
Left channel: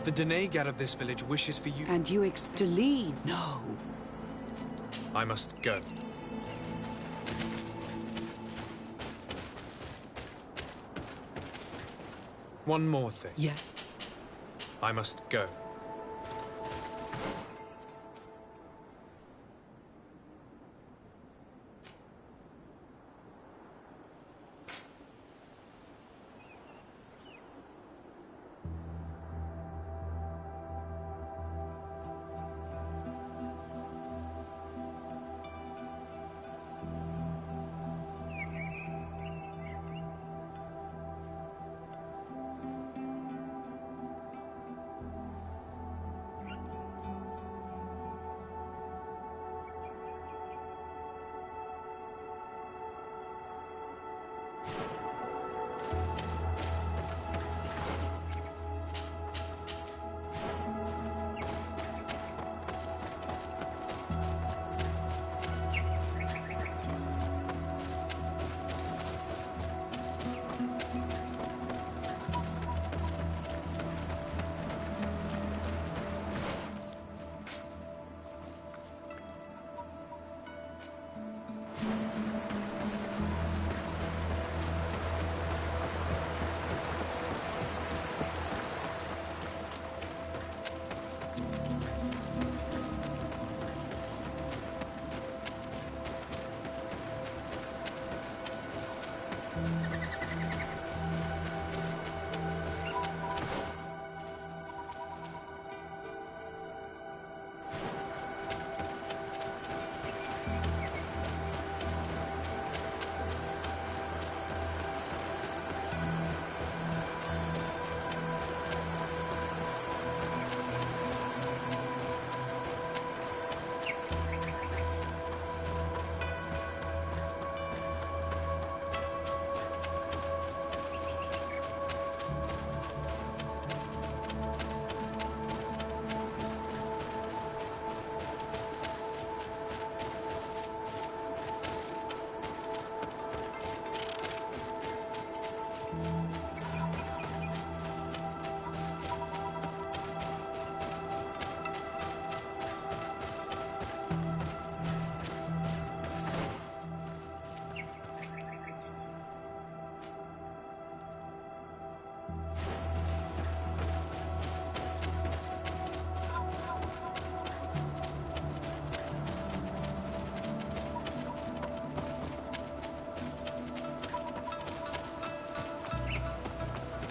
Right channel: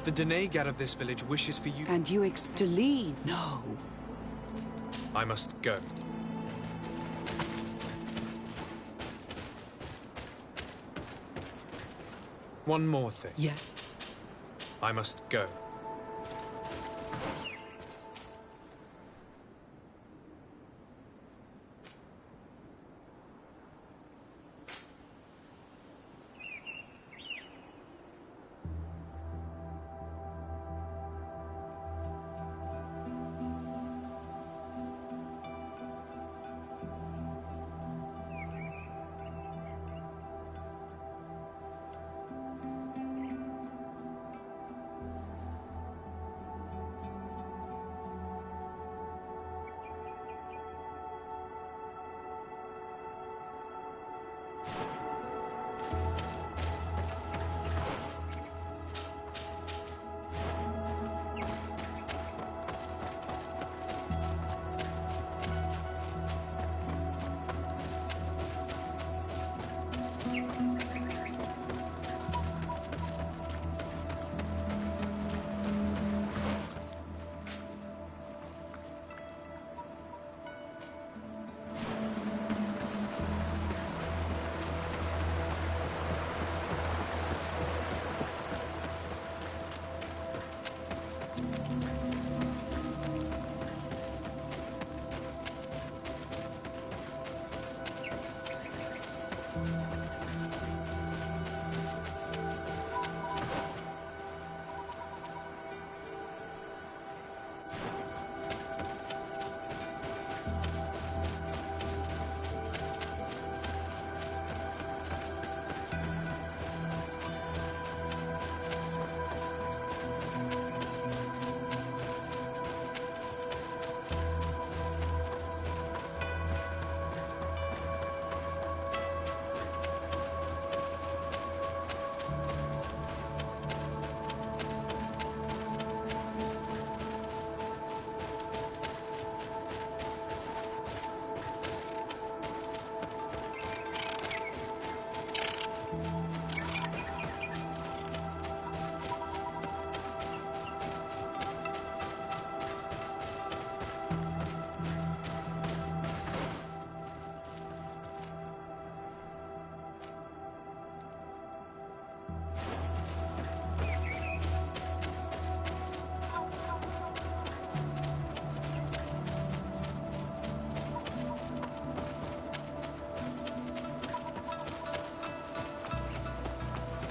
The Denegad of this village wishes for you... And you to leave? No. I must go. One more thing. Yeah. I must go.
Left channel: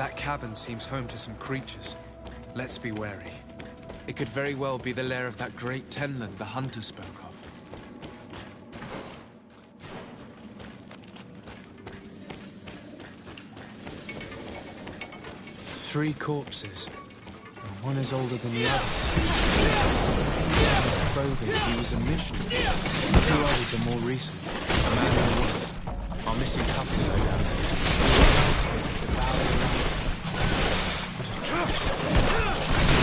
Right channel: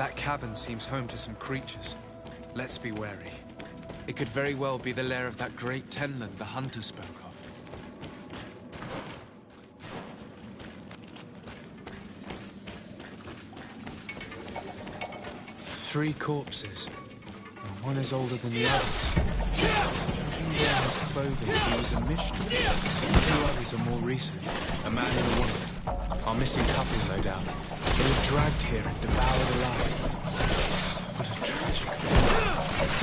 That cavern seems home to some creatures. Let's be wary. It could very well be the lair of that great tenland the hunter spoke of. 3 corpses. And one is older than the others. In his clothing, he was a mystery. 2 others are more recent. A man and a woman. Our missing couple, no doubt. They were dragged here and devoured alive. What a tragic thing.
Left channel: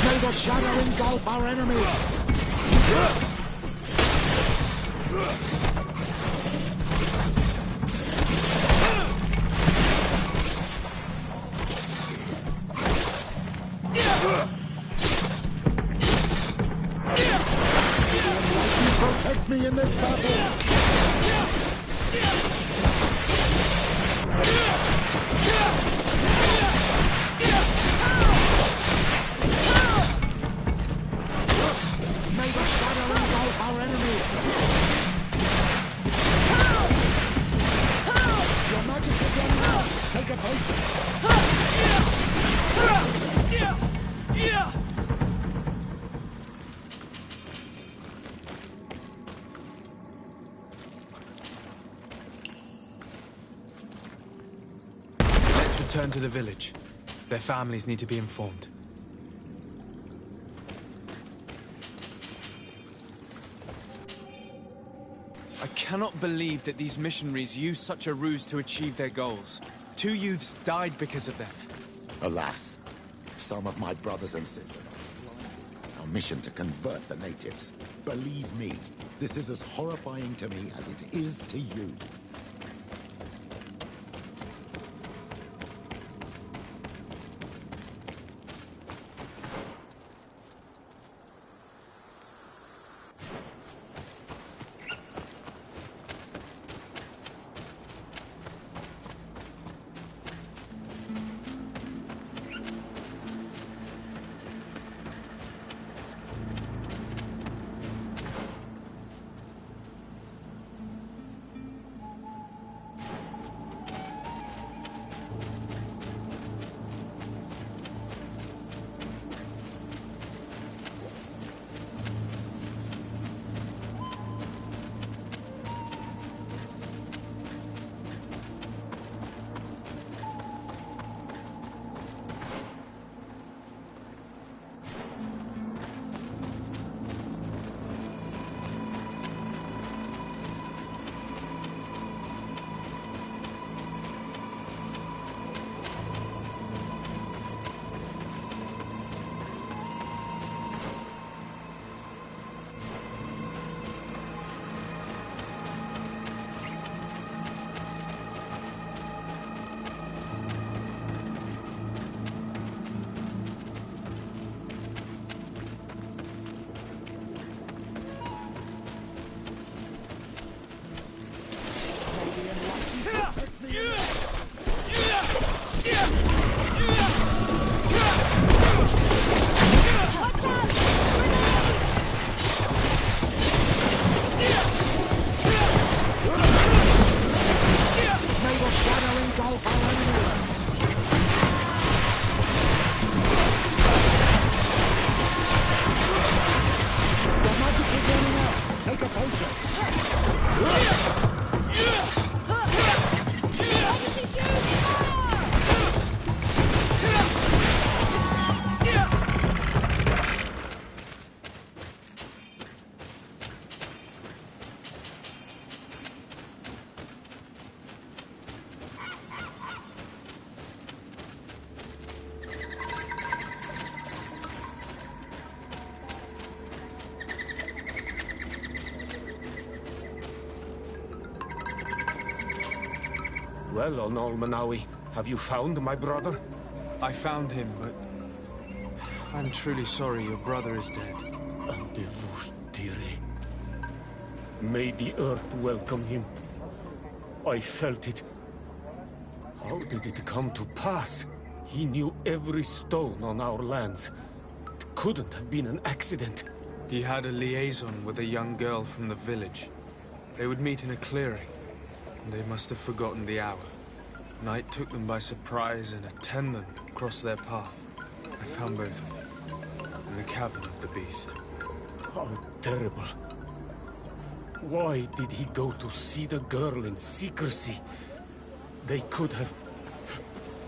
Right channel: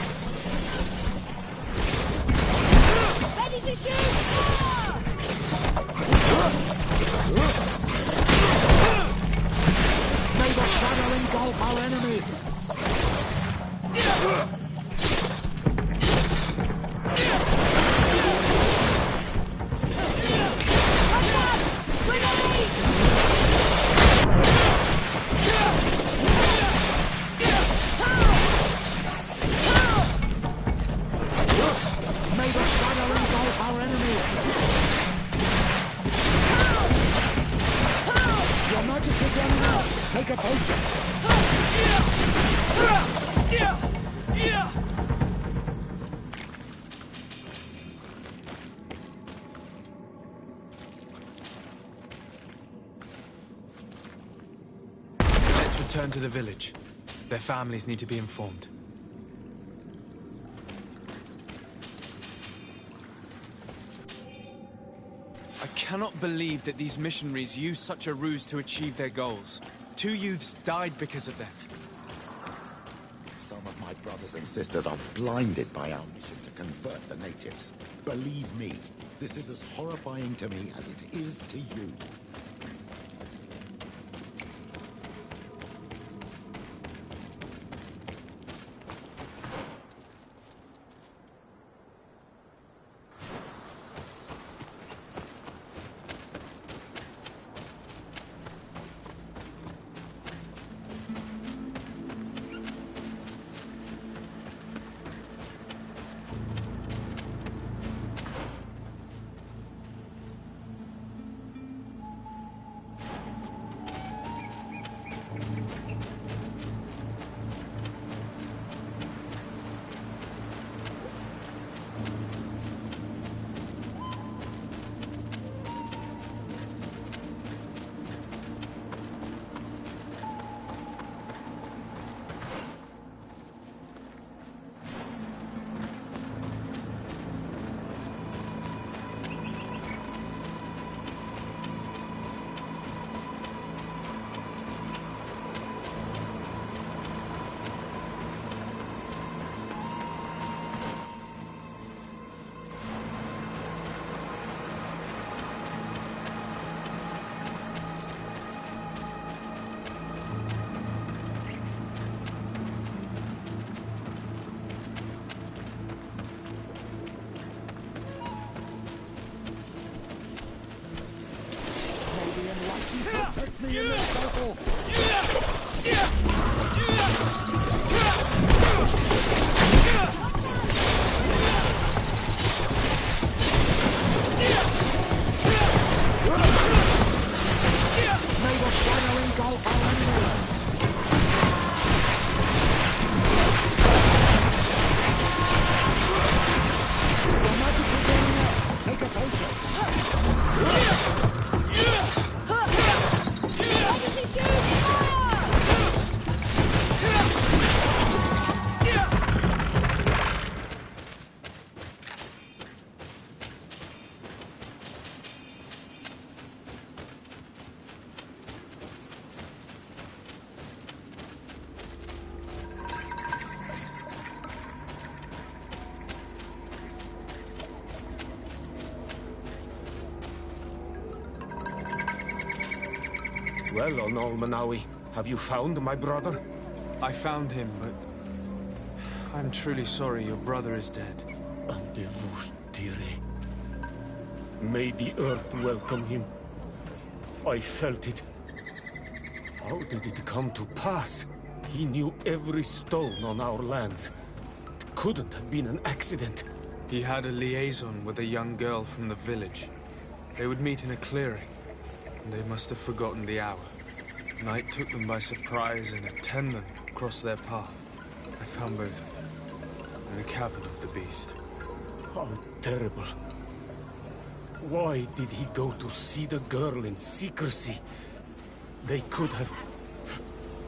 May the shadow engulf our enemies! May the shadow engulf our enemies! Protect me in this battle! May the shadow engulf our enemies! Your magic is running out! Take a potion! Let's return to the village. Their families need to be informed. I cannot believe that these missionaries used such a ruse to achieve their goals. 2 youths died because of them. Alas, some of my brothers and sisters are blinded by our mission to convert the natives. Believe me, this is as horrifying to me as it is to you. Protect me in this battle! May the shadow engulf our enemies! The magic is running out! Take a potion! Well, Onolmanawi, have you found my brother? I found him, but I'm truly sorry your brother is dead. Andivushtire. May the earth welcome him. I felt it. How did it come to pass? He knew every stone on our lands. It couldn't have been an accident. He had a liaison with a young girl from the village. They would meet in a clearing. They must have forgotten the hour. Night took them by surprise, and a tenant crossed their path. I found both of them in the cavern of the beast. How terrible. Why did he go to see the girl in secrecy? They could have...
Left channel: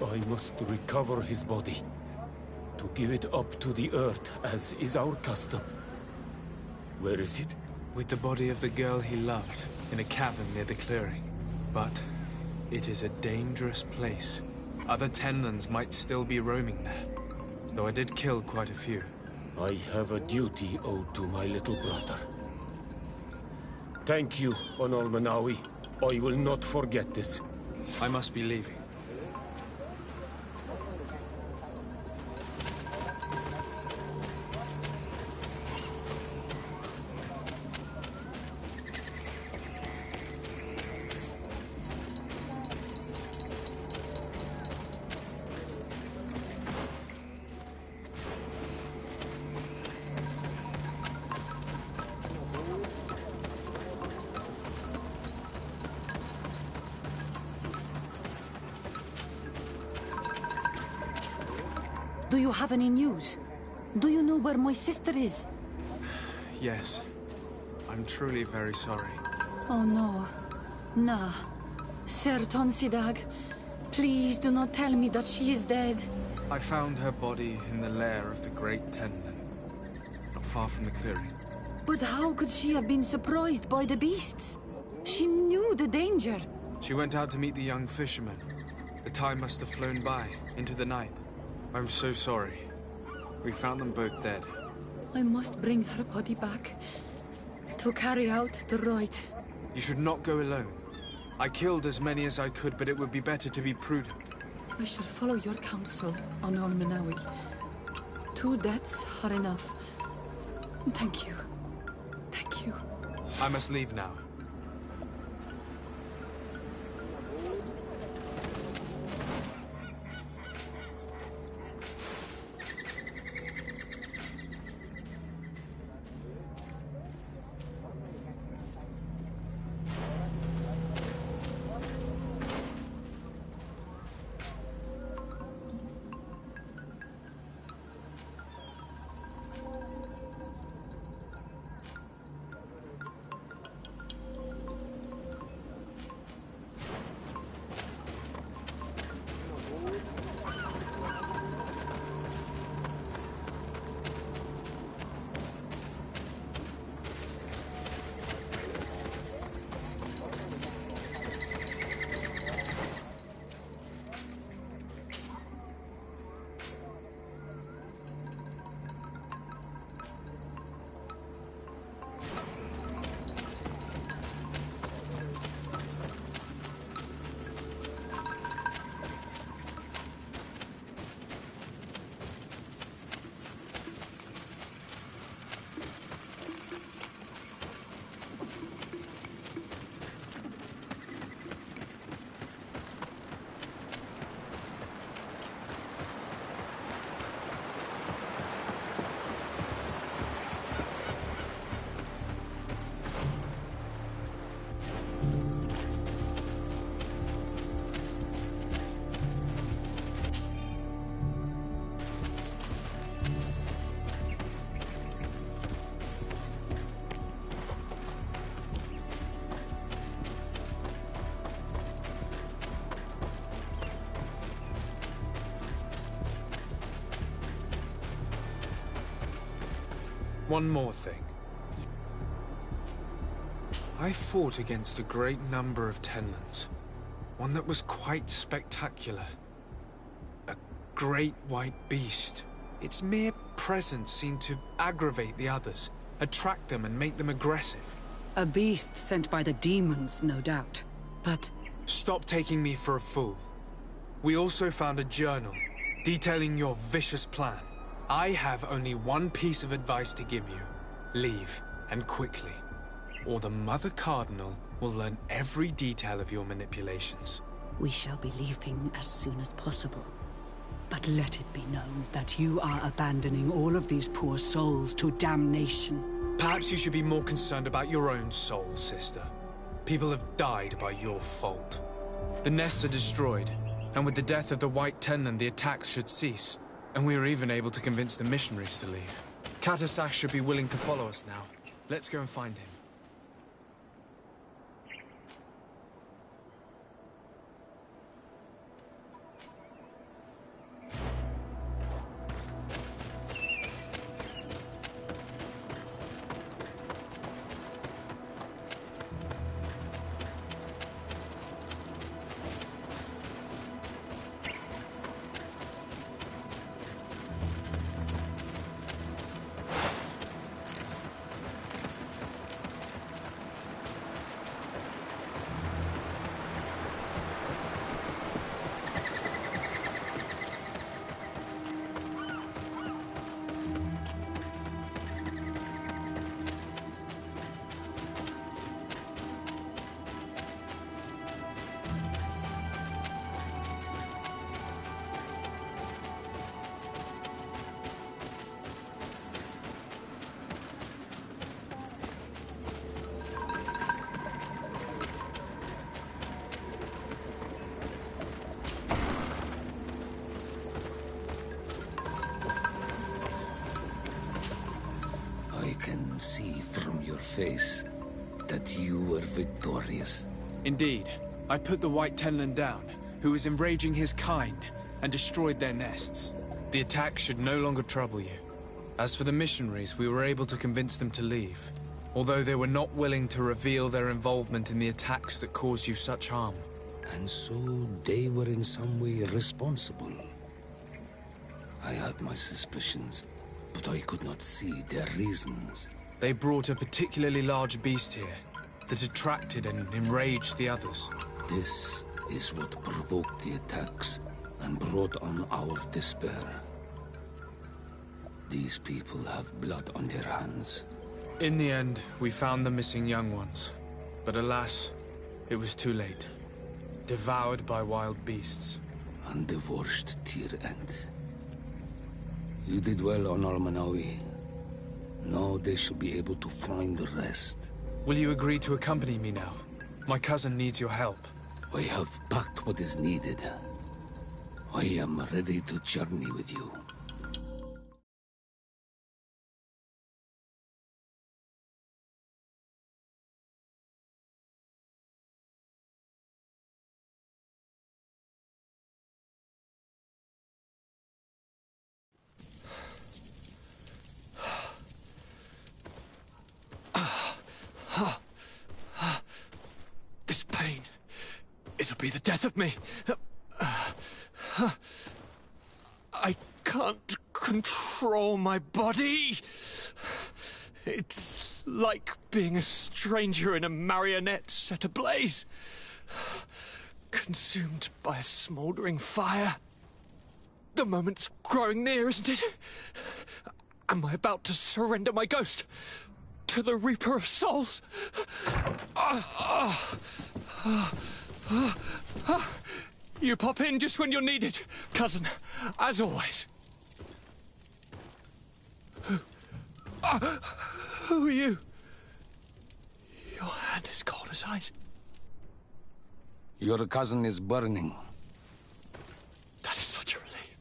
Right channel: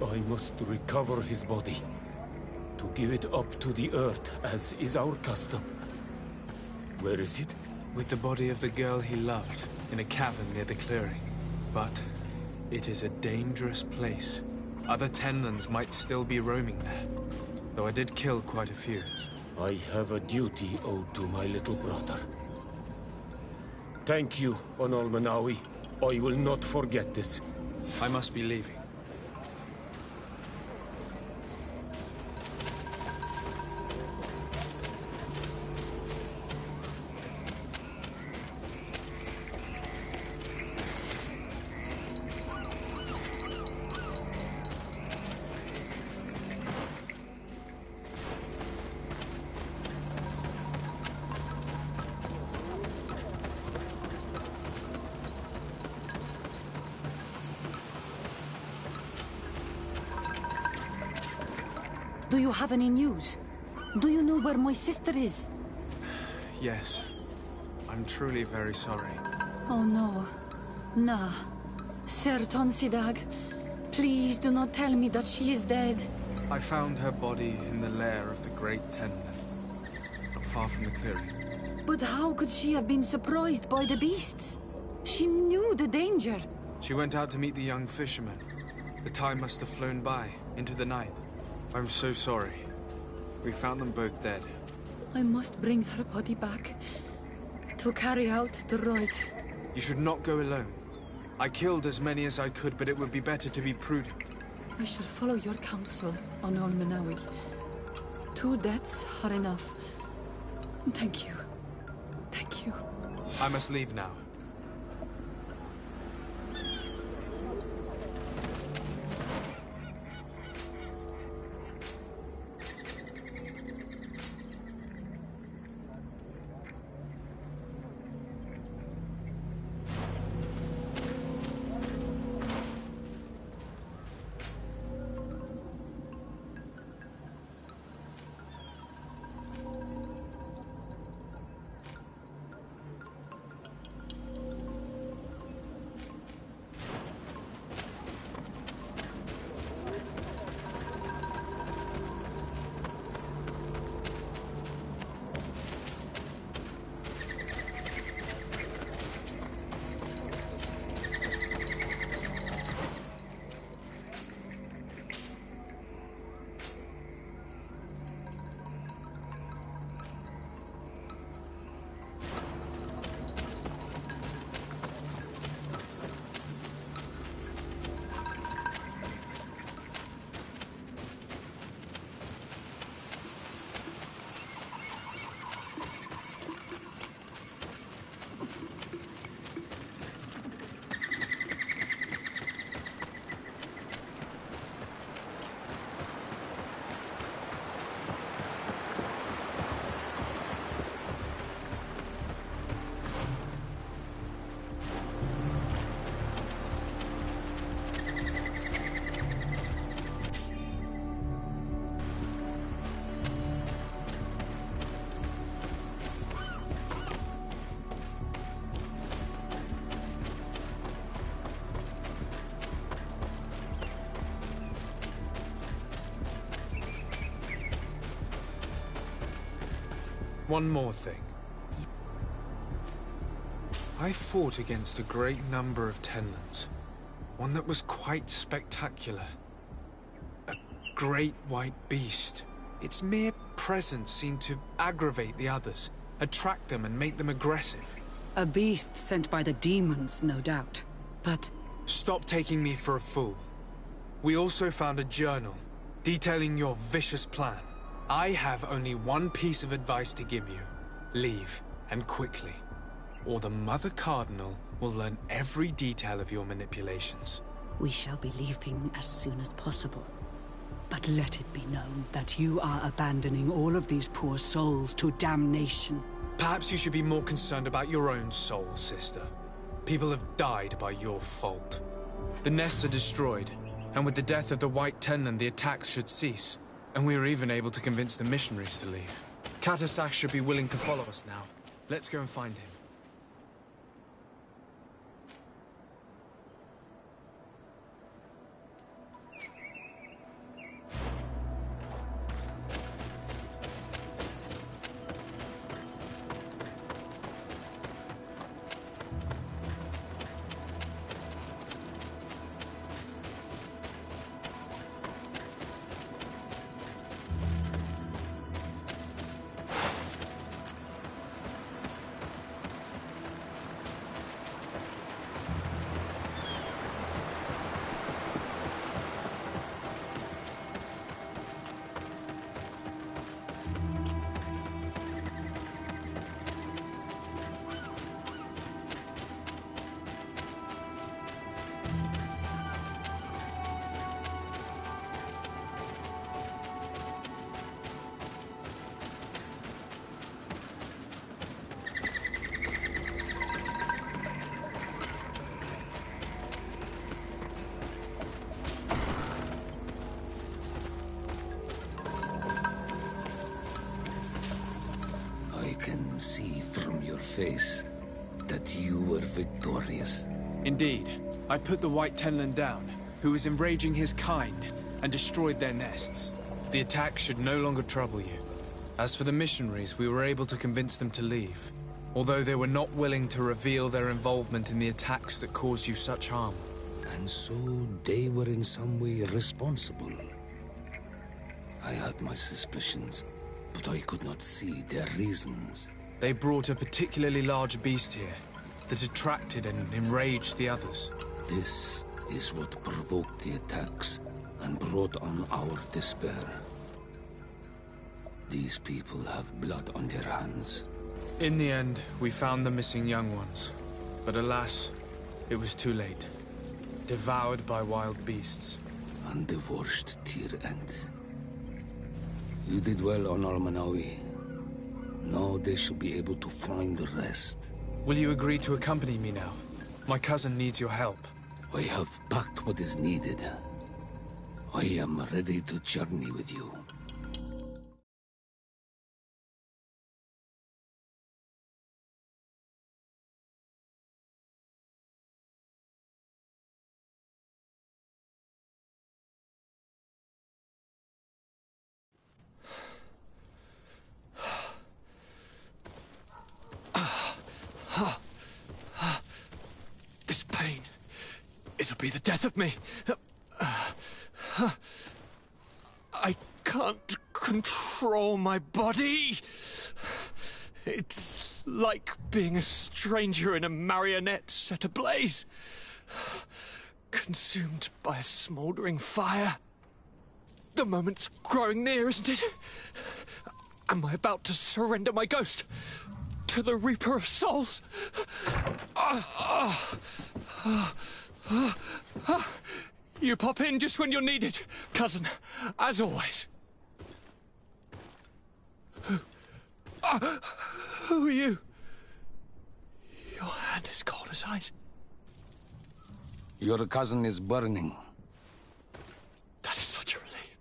I must recover his body. To give it up to the earth, as is our custom. Where is it? With the body of the girl he loved, in a cavern near the clearing. But it is a dangerous place. Other Tenlands might still be roaming there, though I did kill quite a few. I have a duty owed to my little brother. Thank you, Onol Manawi. I will not forget this. I must be leaving. Do you have any news? Do you know where my sister is? Yes. I'm truly very sorry. Oh no. Nah. Ser Tonsidag, please do not tell me that she is dead. I found her body in the lair of the Great Tenlan, not far from the clearing. But how could she have been surprised by the beasts? She knew the danger. She went out to meet the young fisherman. The time must have flown by, into the night. I'm so sorry. We found them both dead. I must bring her body back to carry out the rite. You should not go alone. I killed as many as I could, but it would be better to be prudent. I shall follow your counsel, Onol Manawi. 2 deaths are enough. Thank you. Thank you. I must leave now. One more thing. I fought against a great number of Tenlands. One that was quite spectacular. A great white beast. Its mere presence seemed to aggravate the others, attract them and make them aggressive. A beast sent by the demons, no doubt. But... Stop taking me for a fool. We also found a journal detailing your vicious plan. I have only one piece of advice to give you. Leave, and quickly. Or the Mother Cardinal will learn every detail of your manipulations. We shall be leaving as soon as possible. But let it be known that you are abandoning all of these poor souls to damnation. Perhaps you should be more concerned about your own soul, sister. People have died by your fault. The nests are destroyed. And with the death of the White Tenland, the attacks should cease. And we were even able to convince the missionaries to leave. Katasach should be willing to follow us now. Let's go and find him. I can see from your face that you were victorious. Indeed. I put the White Tenland down, who was enraging his kind, and destroyed their nests. The attack should no longer trouble you. As for the missionaries, we were able to convince them to leave, although they were not willing to reveal their involvement in the attacks that caused you such harm. And so they were in some way responsible. I had my suspicions, but I could not see their reasons. They brought a particularly large beast here that attracted and enraged the others. This is what provoked the attacks and brought on our despair. These people have blood on their hands. In the end, we found the missing young ones. But alas, it was too late. Devoured by wild beasts. And divorced to your end. You did well on Almanawi. Now they should be able to find the rest. Will you agree to accompany me now? My cousin needs your help. I have packed what is needed. I am ready to journey with you. This pain, it'll be the death of me. I can't control my body. It's like being a stranger in a marionette set ablaze. Consumed by a smouldering fire. The moment's growing near, isn't it? Am I about to surrender my ghost to the Reaper of Souls? You pop in just when you're needed, cousin, as always. Who are you? Your hand is cold as ice. Your cousin is burning. That is such a relief.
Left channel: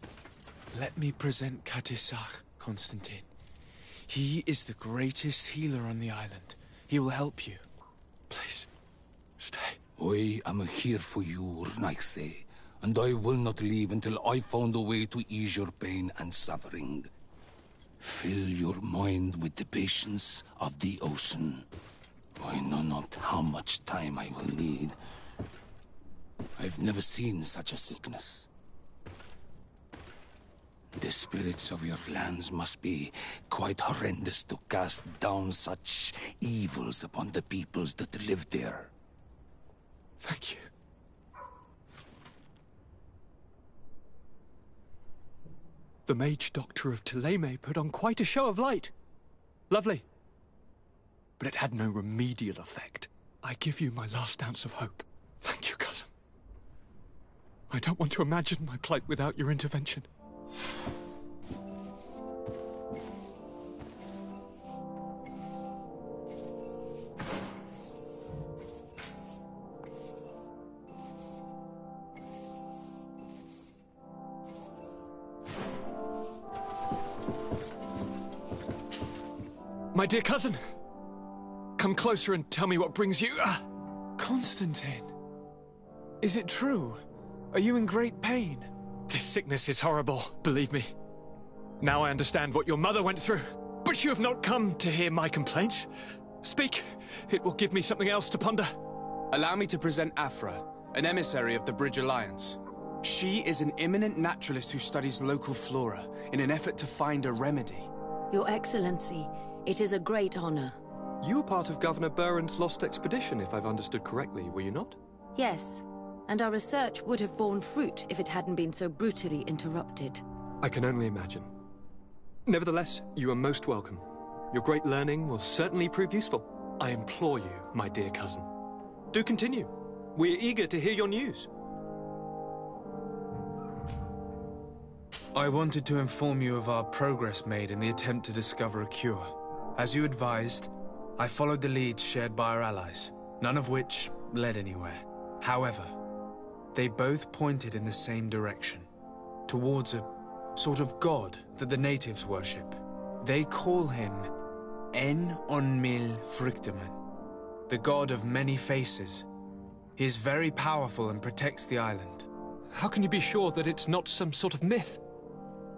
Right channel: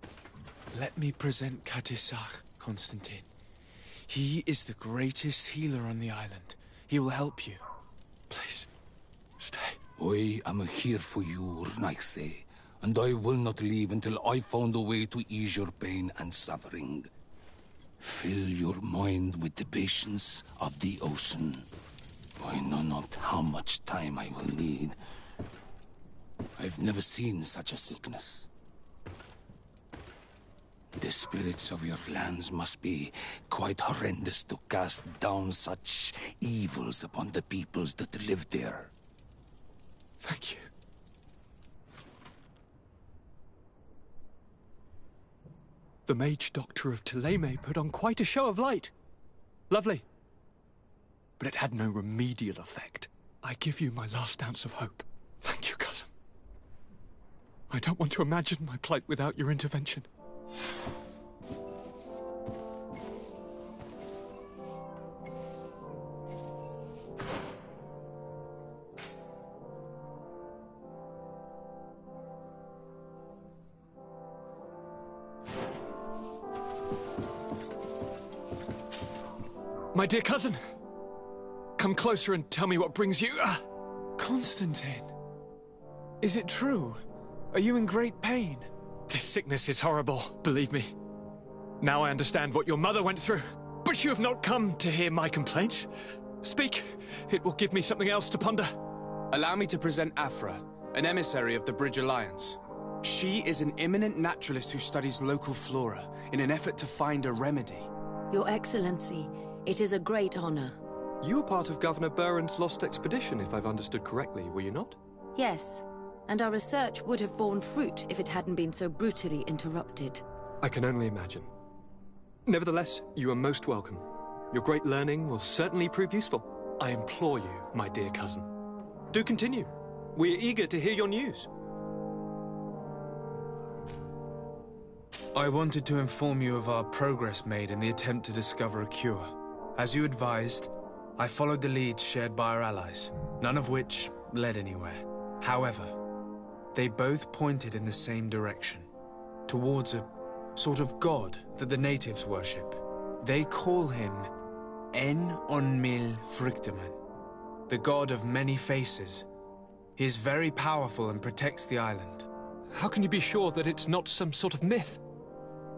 Let me present Katisach, Constantine. He is the greatest healer on the island. He will help you. Please, stay. I am here for you, Urnaxe, and I will not leave until I found a way to ease your pain and suffering. Fill your mind with the patience of the ocean. I know not how much time I will need. I've never seen such a sickness. The spirits of your lands must be quite horrendous to cast down such evils upon the peoples that live there. Thank you. The mage doctor of Thélème put on quite a show of light. Lovely. But it had no remedial effect. I give you my last ounce of hope. Thank you, cousin. I don't want to imagine my plight without your intervention. My dear cousin, come closer and tell me what brings you... Constantine, is it true? Are you in great pain? This sickness is horrible, believe me. Now I understand what your mother went through. But you have not come to hear my complaints. Speak. It will give me something else to ponder. Allow me to present Afra, an emissary of the Bridge Alliance. She is an eminent naturalist who studies local flora in an effort to find a remedy. Your Excellency, it is a great honor. You were part of Governor Buren's lost expedition, if I've understood correctly, were you not? Yes, and our research would have borne fruit if it hadn't been so brutally interrupted. I can only imagine. Nevertheless, you are most welcome. Your great learning will certainly prove useful. I implore you, my dear cousin. Do continue. We are eager to hear your news. I wanted to inform you of our progress made in the attempt to discover a cure. As you advised, I followed the leads shared by our allies, none of which led anywhere. However, they both pointed in the same direction, towards a sort of god that the natives worship. They call him En-on-Mil Frictaman, the god of many faces. He is very powerful and protects the island. How can you be sure that it's not some sort of myth?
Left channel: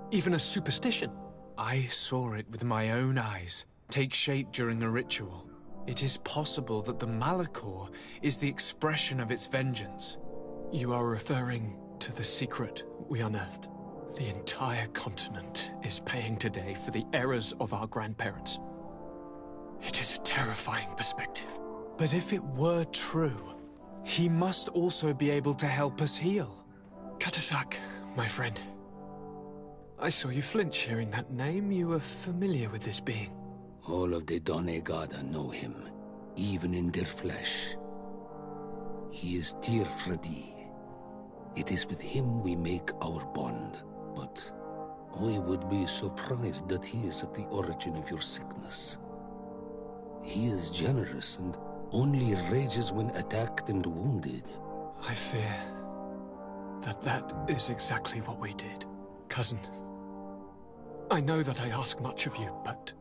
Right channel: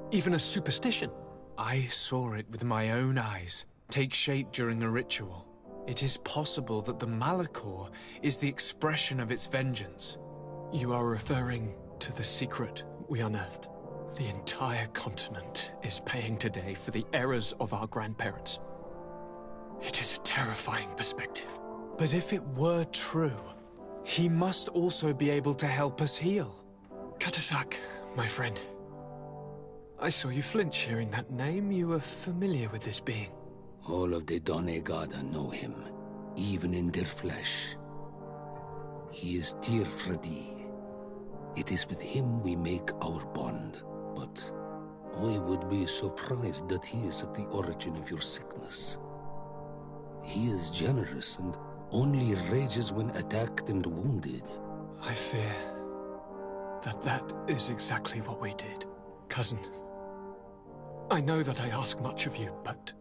Even a superstition? I saw it with my own eyes take shape during a ritual. It is possible that the Malachor is the expression of its vengeance. You are referring to the secret we unearthed. The entire continent is paying today for the errors of our grandparents. It is a terrifying perspective. But if it were true, he must also be able to help us heal. Katasak, my friend. I saw you flinch hearing that name. You were familiar with this being. All of the Donegada know him, even in their flesh. He is Tirfredi. It is with him we make our bond, but I would be surprised that he is at the origin of your sickness. He is generous and only rages when attacked and wounded. I fear that that is exactly what we did. Cousin, I know that I ask much of you, but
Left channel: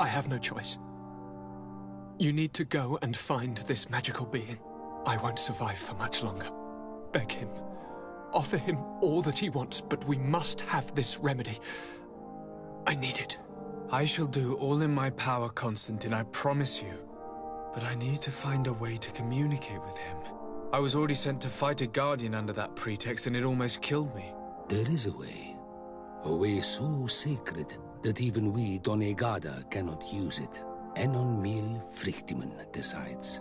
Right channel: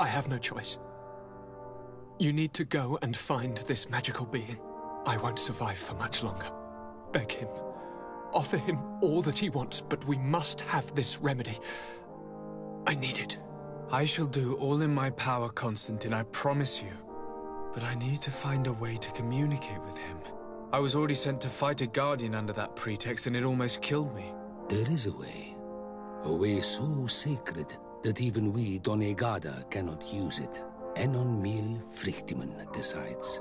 I have no choice. You need to go and find this magical being. I won't survive for much longer. Beg him. Offer him all that he wants, but we must have this remedy. I need it. I shall do all in my power, Constantine, I promise you. But I need to find a way to communicate with him. I was already sent to fight a guardian under that pretext, and it almost killed me. There is a way so sacred that even we Donegada cannot use it. En-on-Mil Frictaman decides.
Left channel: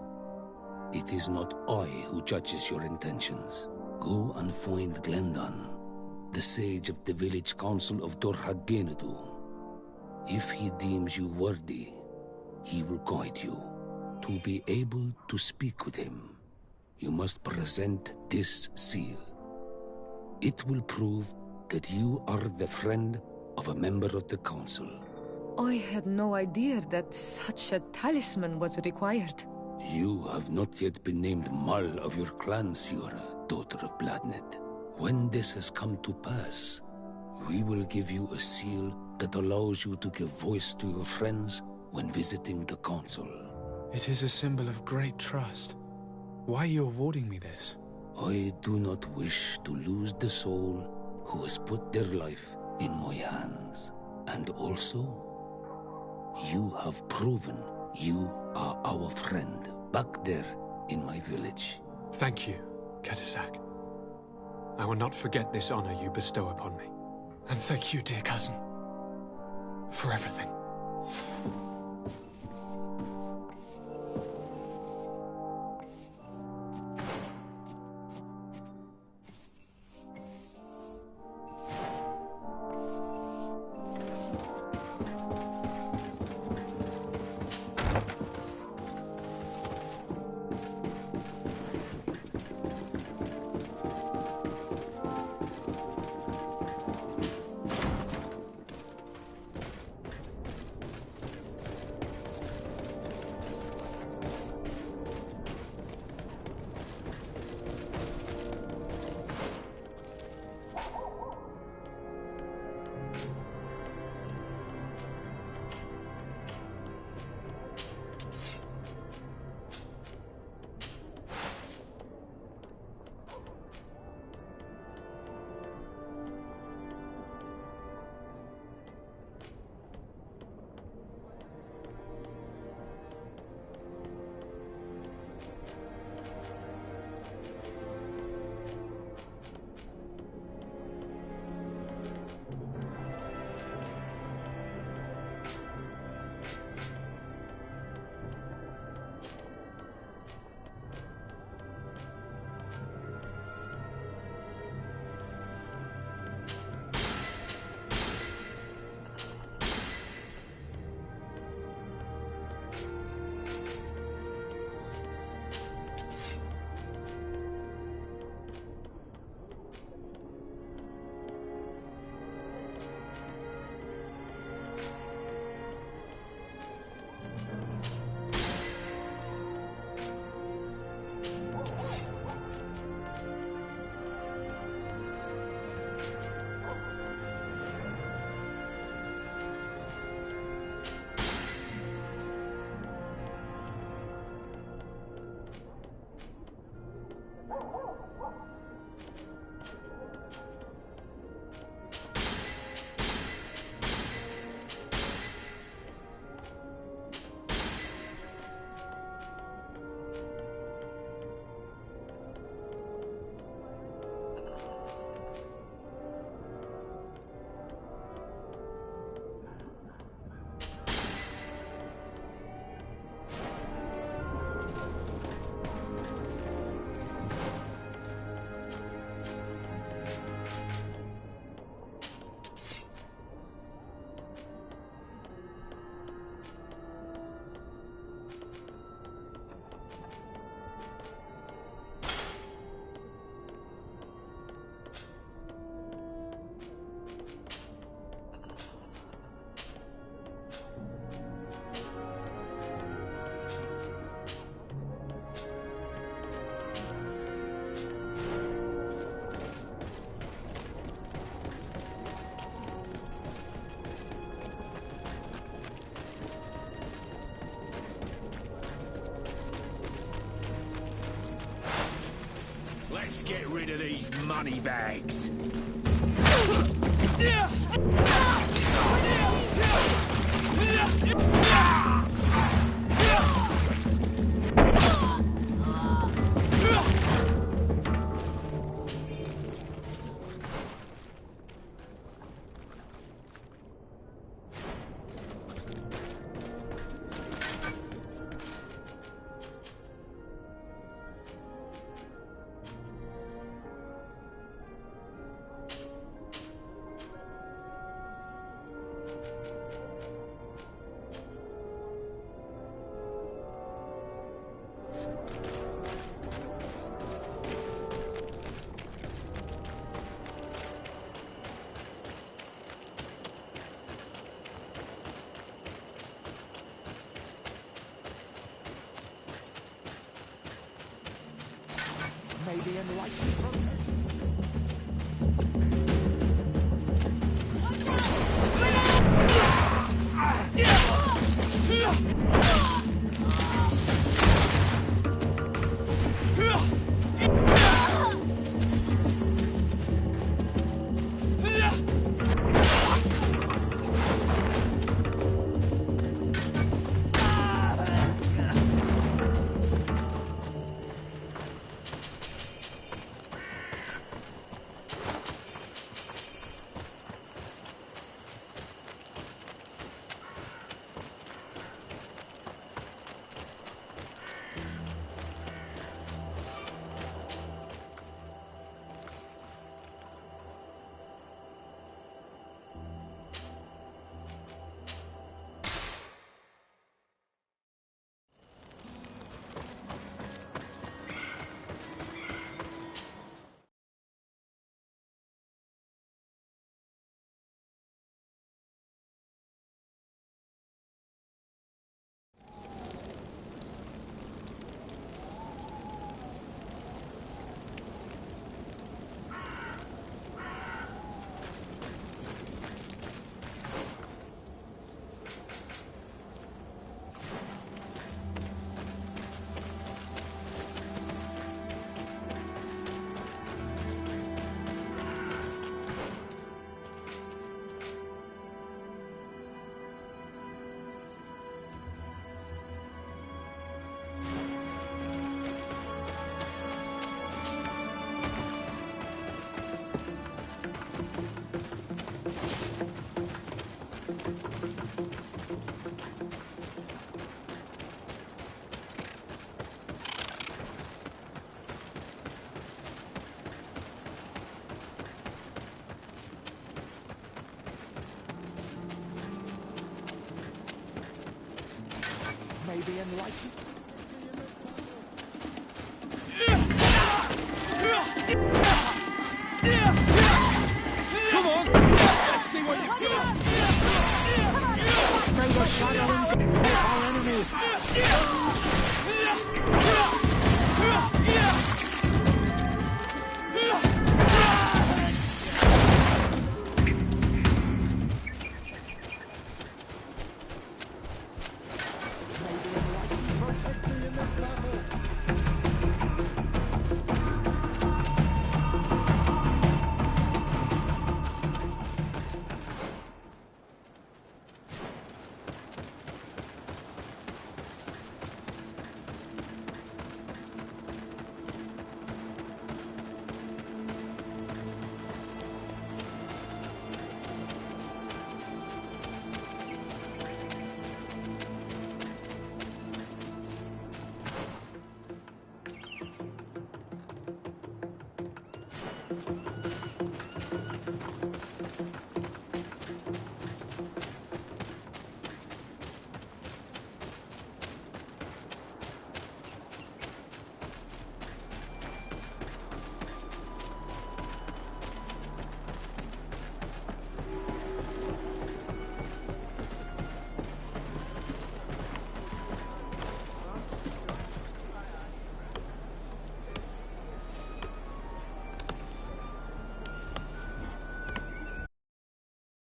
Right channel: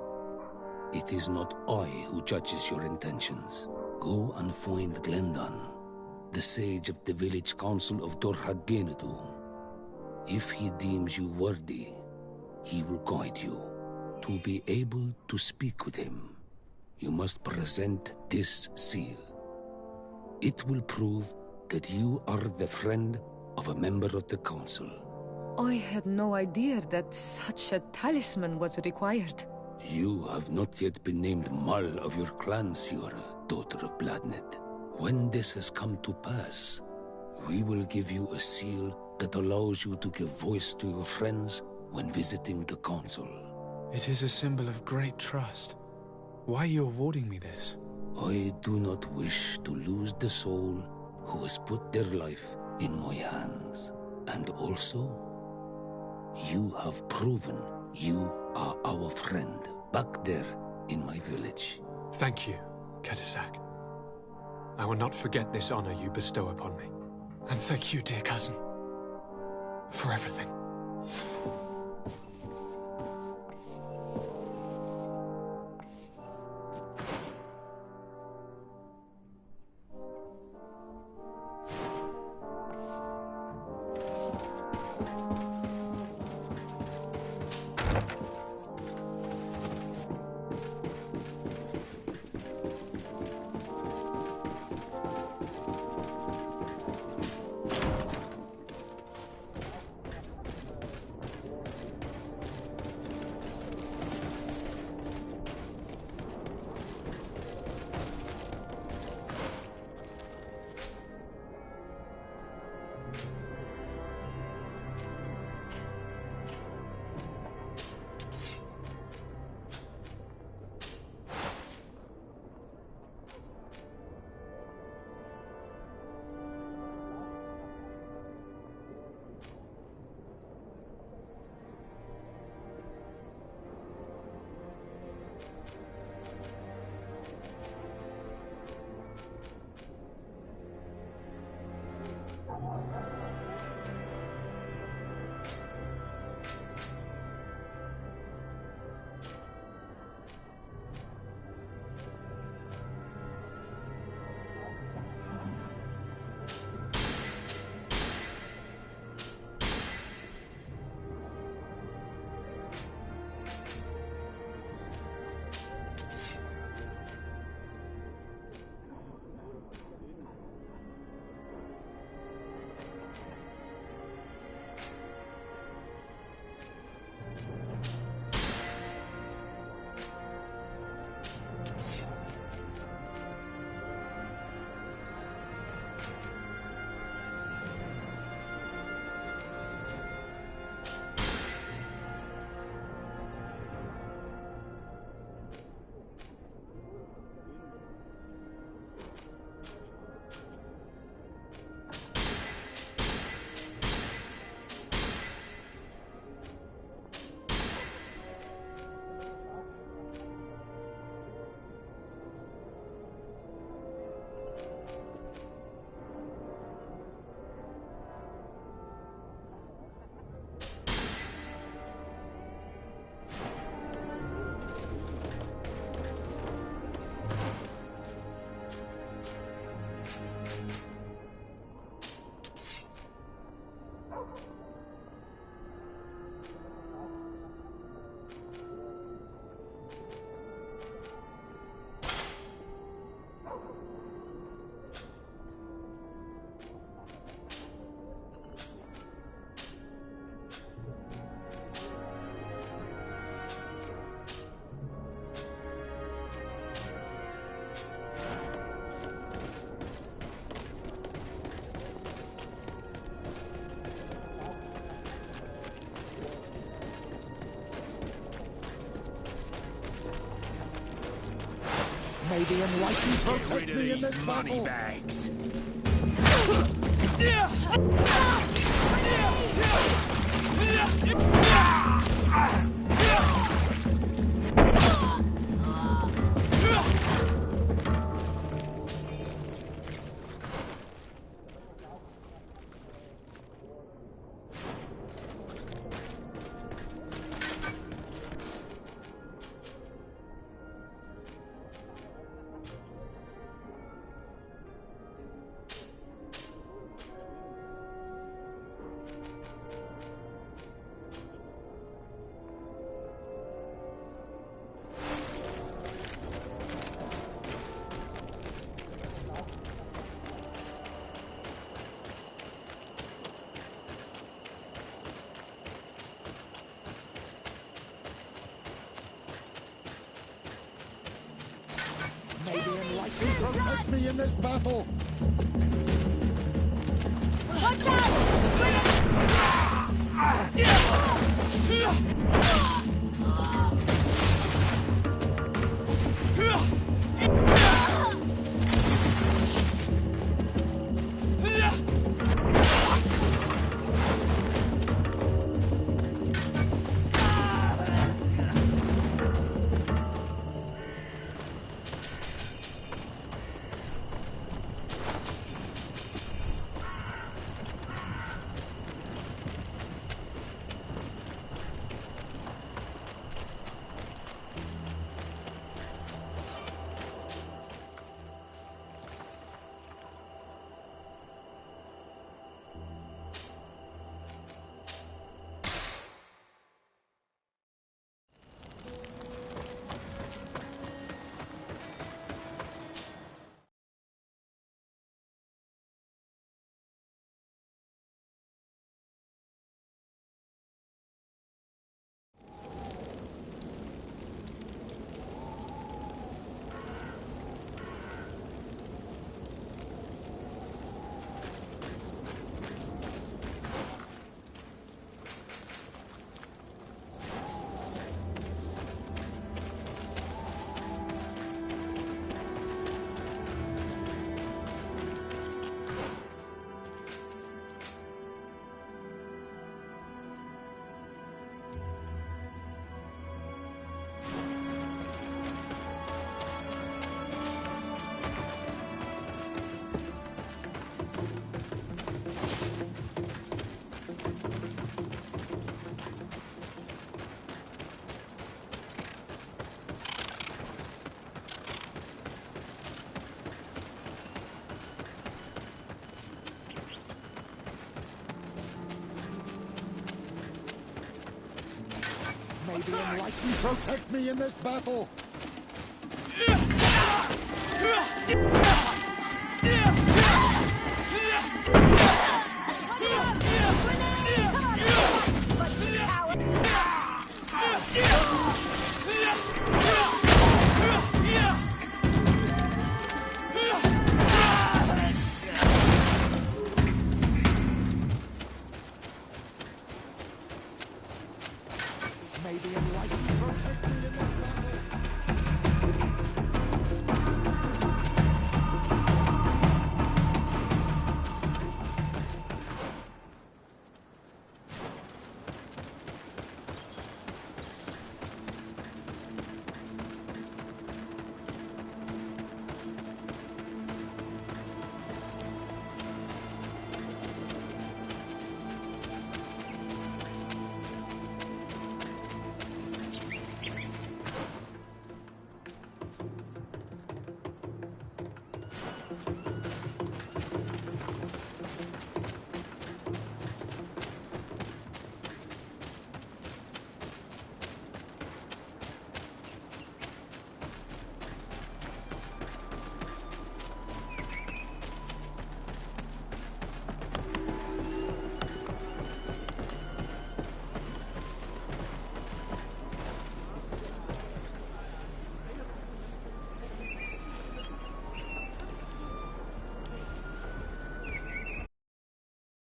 It is not I who judges your intentions. Go and find Glendan, the sage of the village council of Dorhagenadu. If he deems you worthy, he will guide you. To be able to speak with him, you must present this seal. It will prove that you are the friend of a member of the council. I had no idea that such a talisman was required. You have not yet been named Mal of your clan, Siora, daughter of Bladnet. When this has come to pass, we will give you a seal that allows you to give voice to your friends when visiting the council. It is a symbol of great trust. Why are you awarding me this? I do not wish to lose the soul who has put their life in my hands. And also, you have proven you are our friend back there in my village. Thank you, Katasak. I will not forget this honor you bestow upon me. And thank you, dear cousin, for everything. Let's get rid of these money bags. Maybe enlighten protect me in this battle. Watch out! Maybe enlighten protect me in this battle.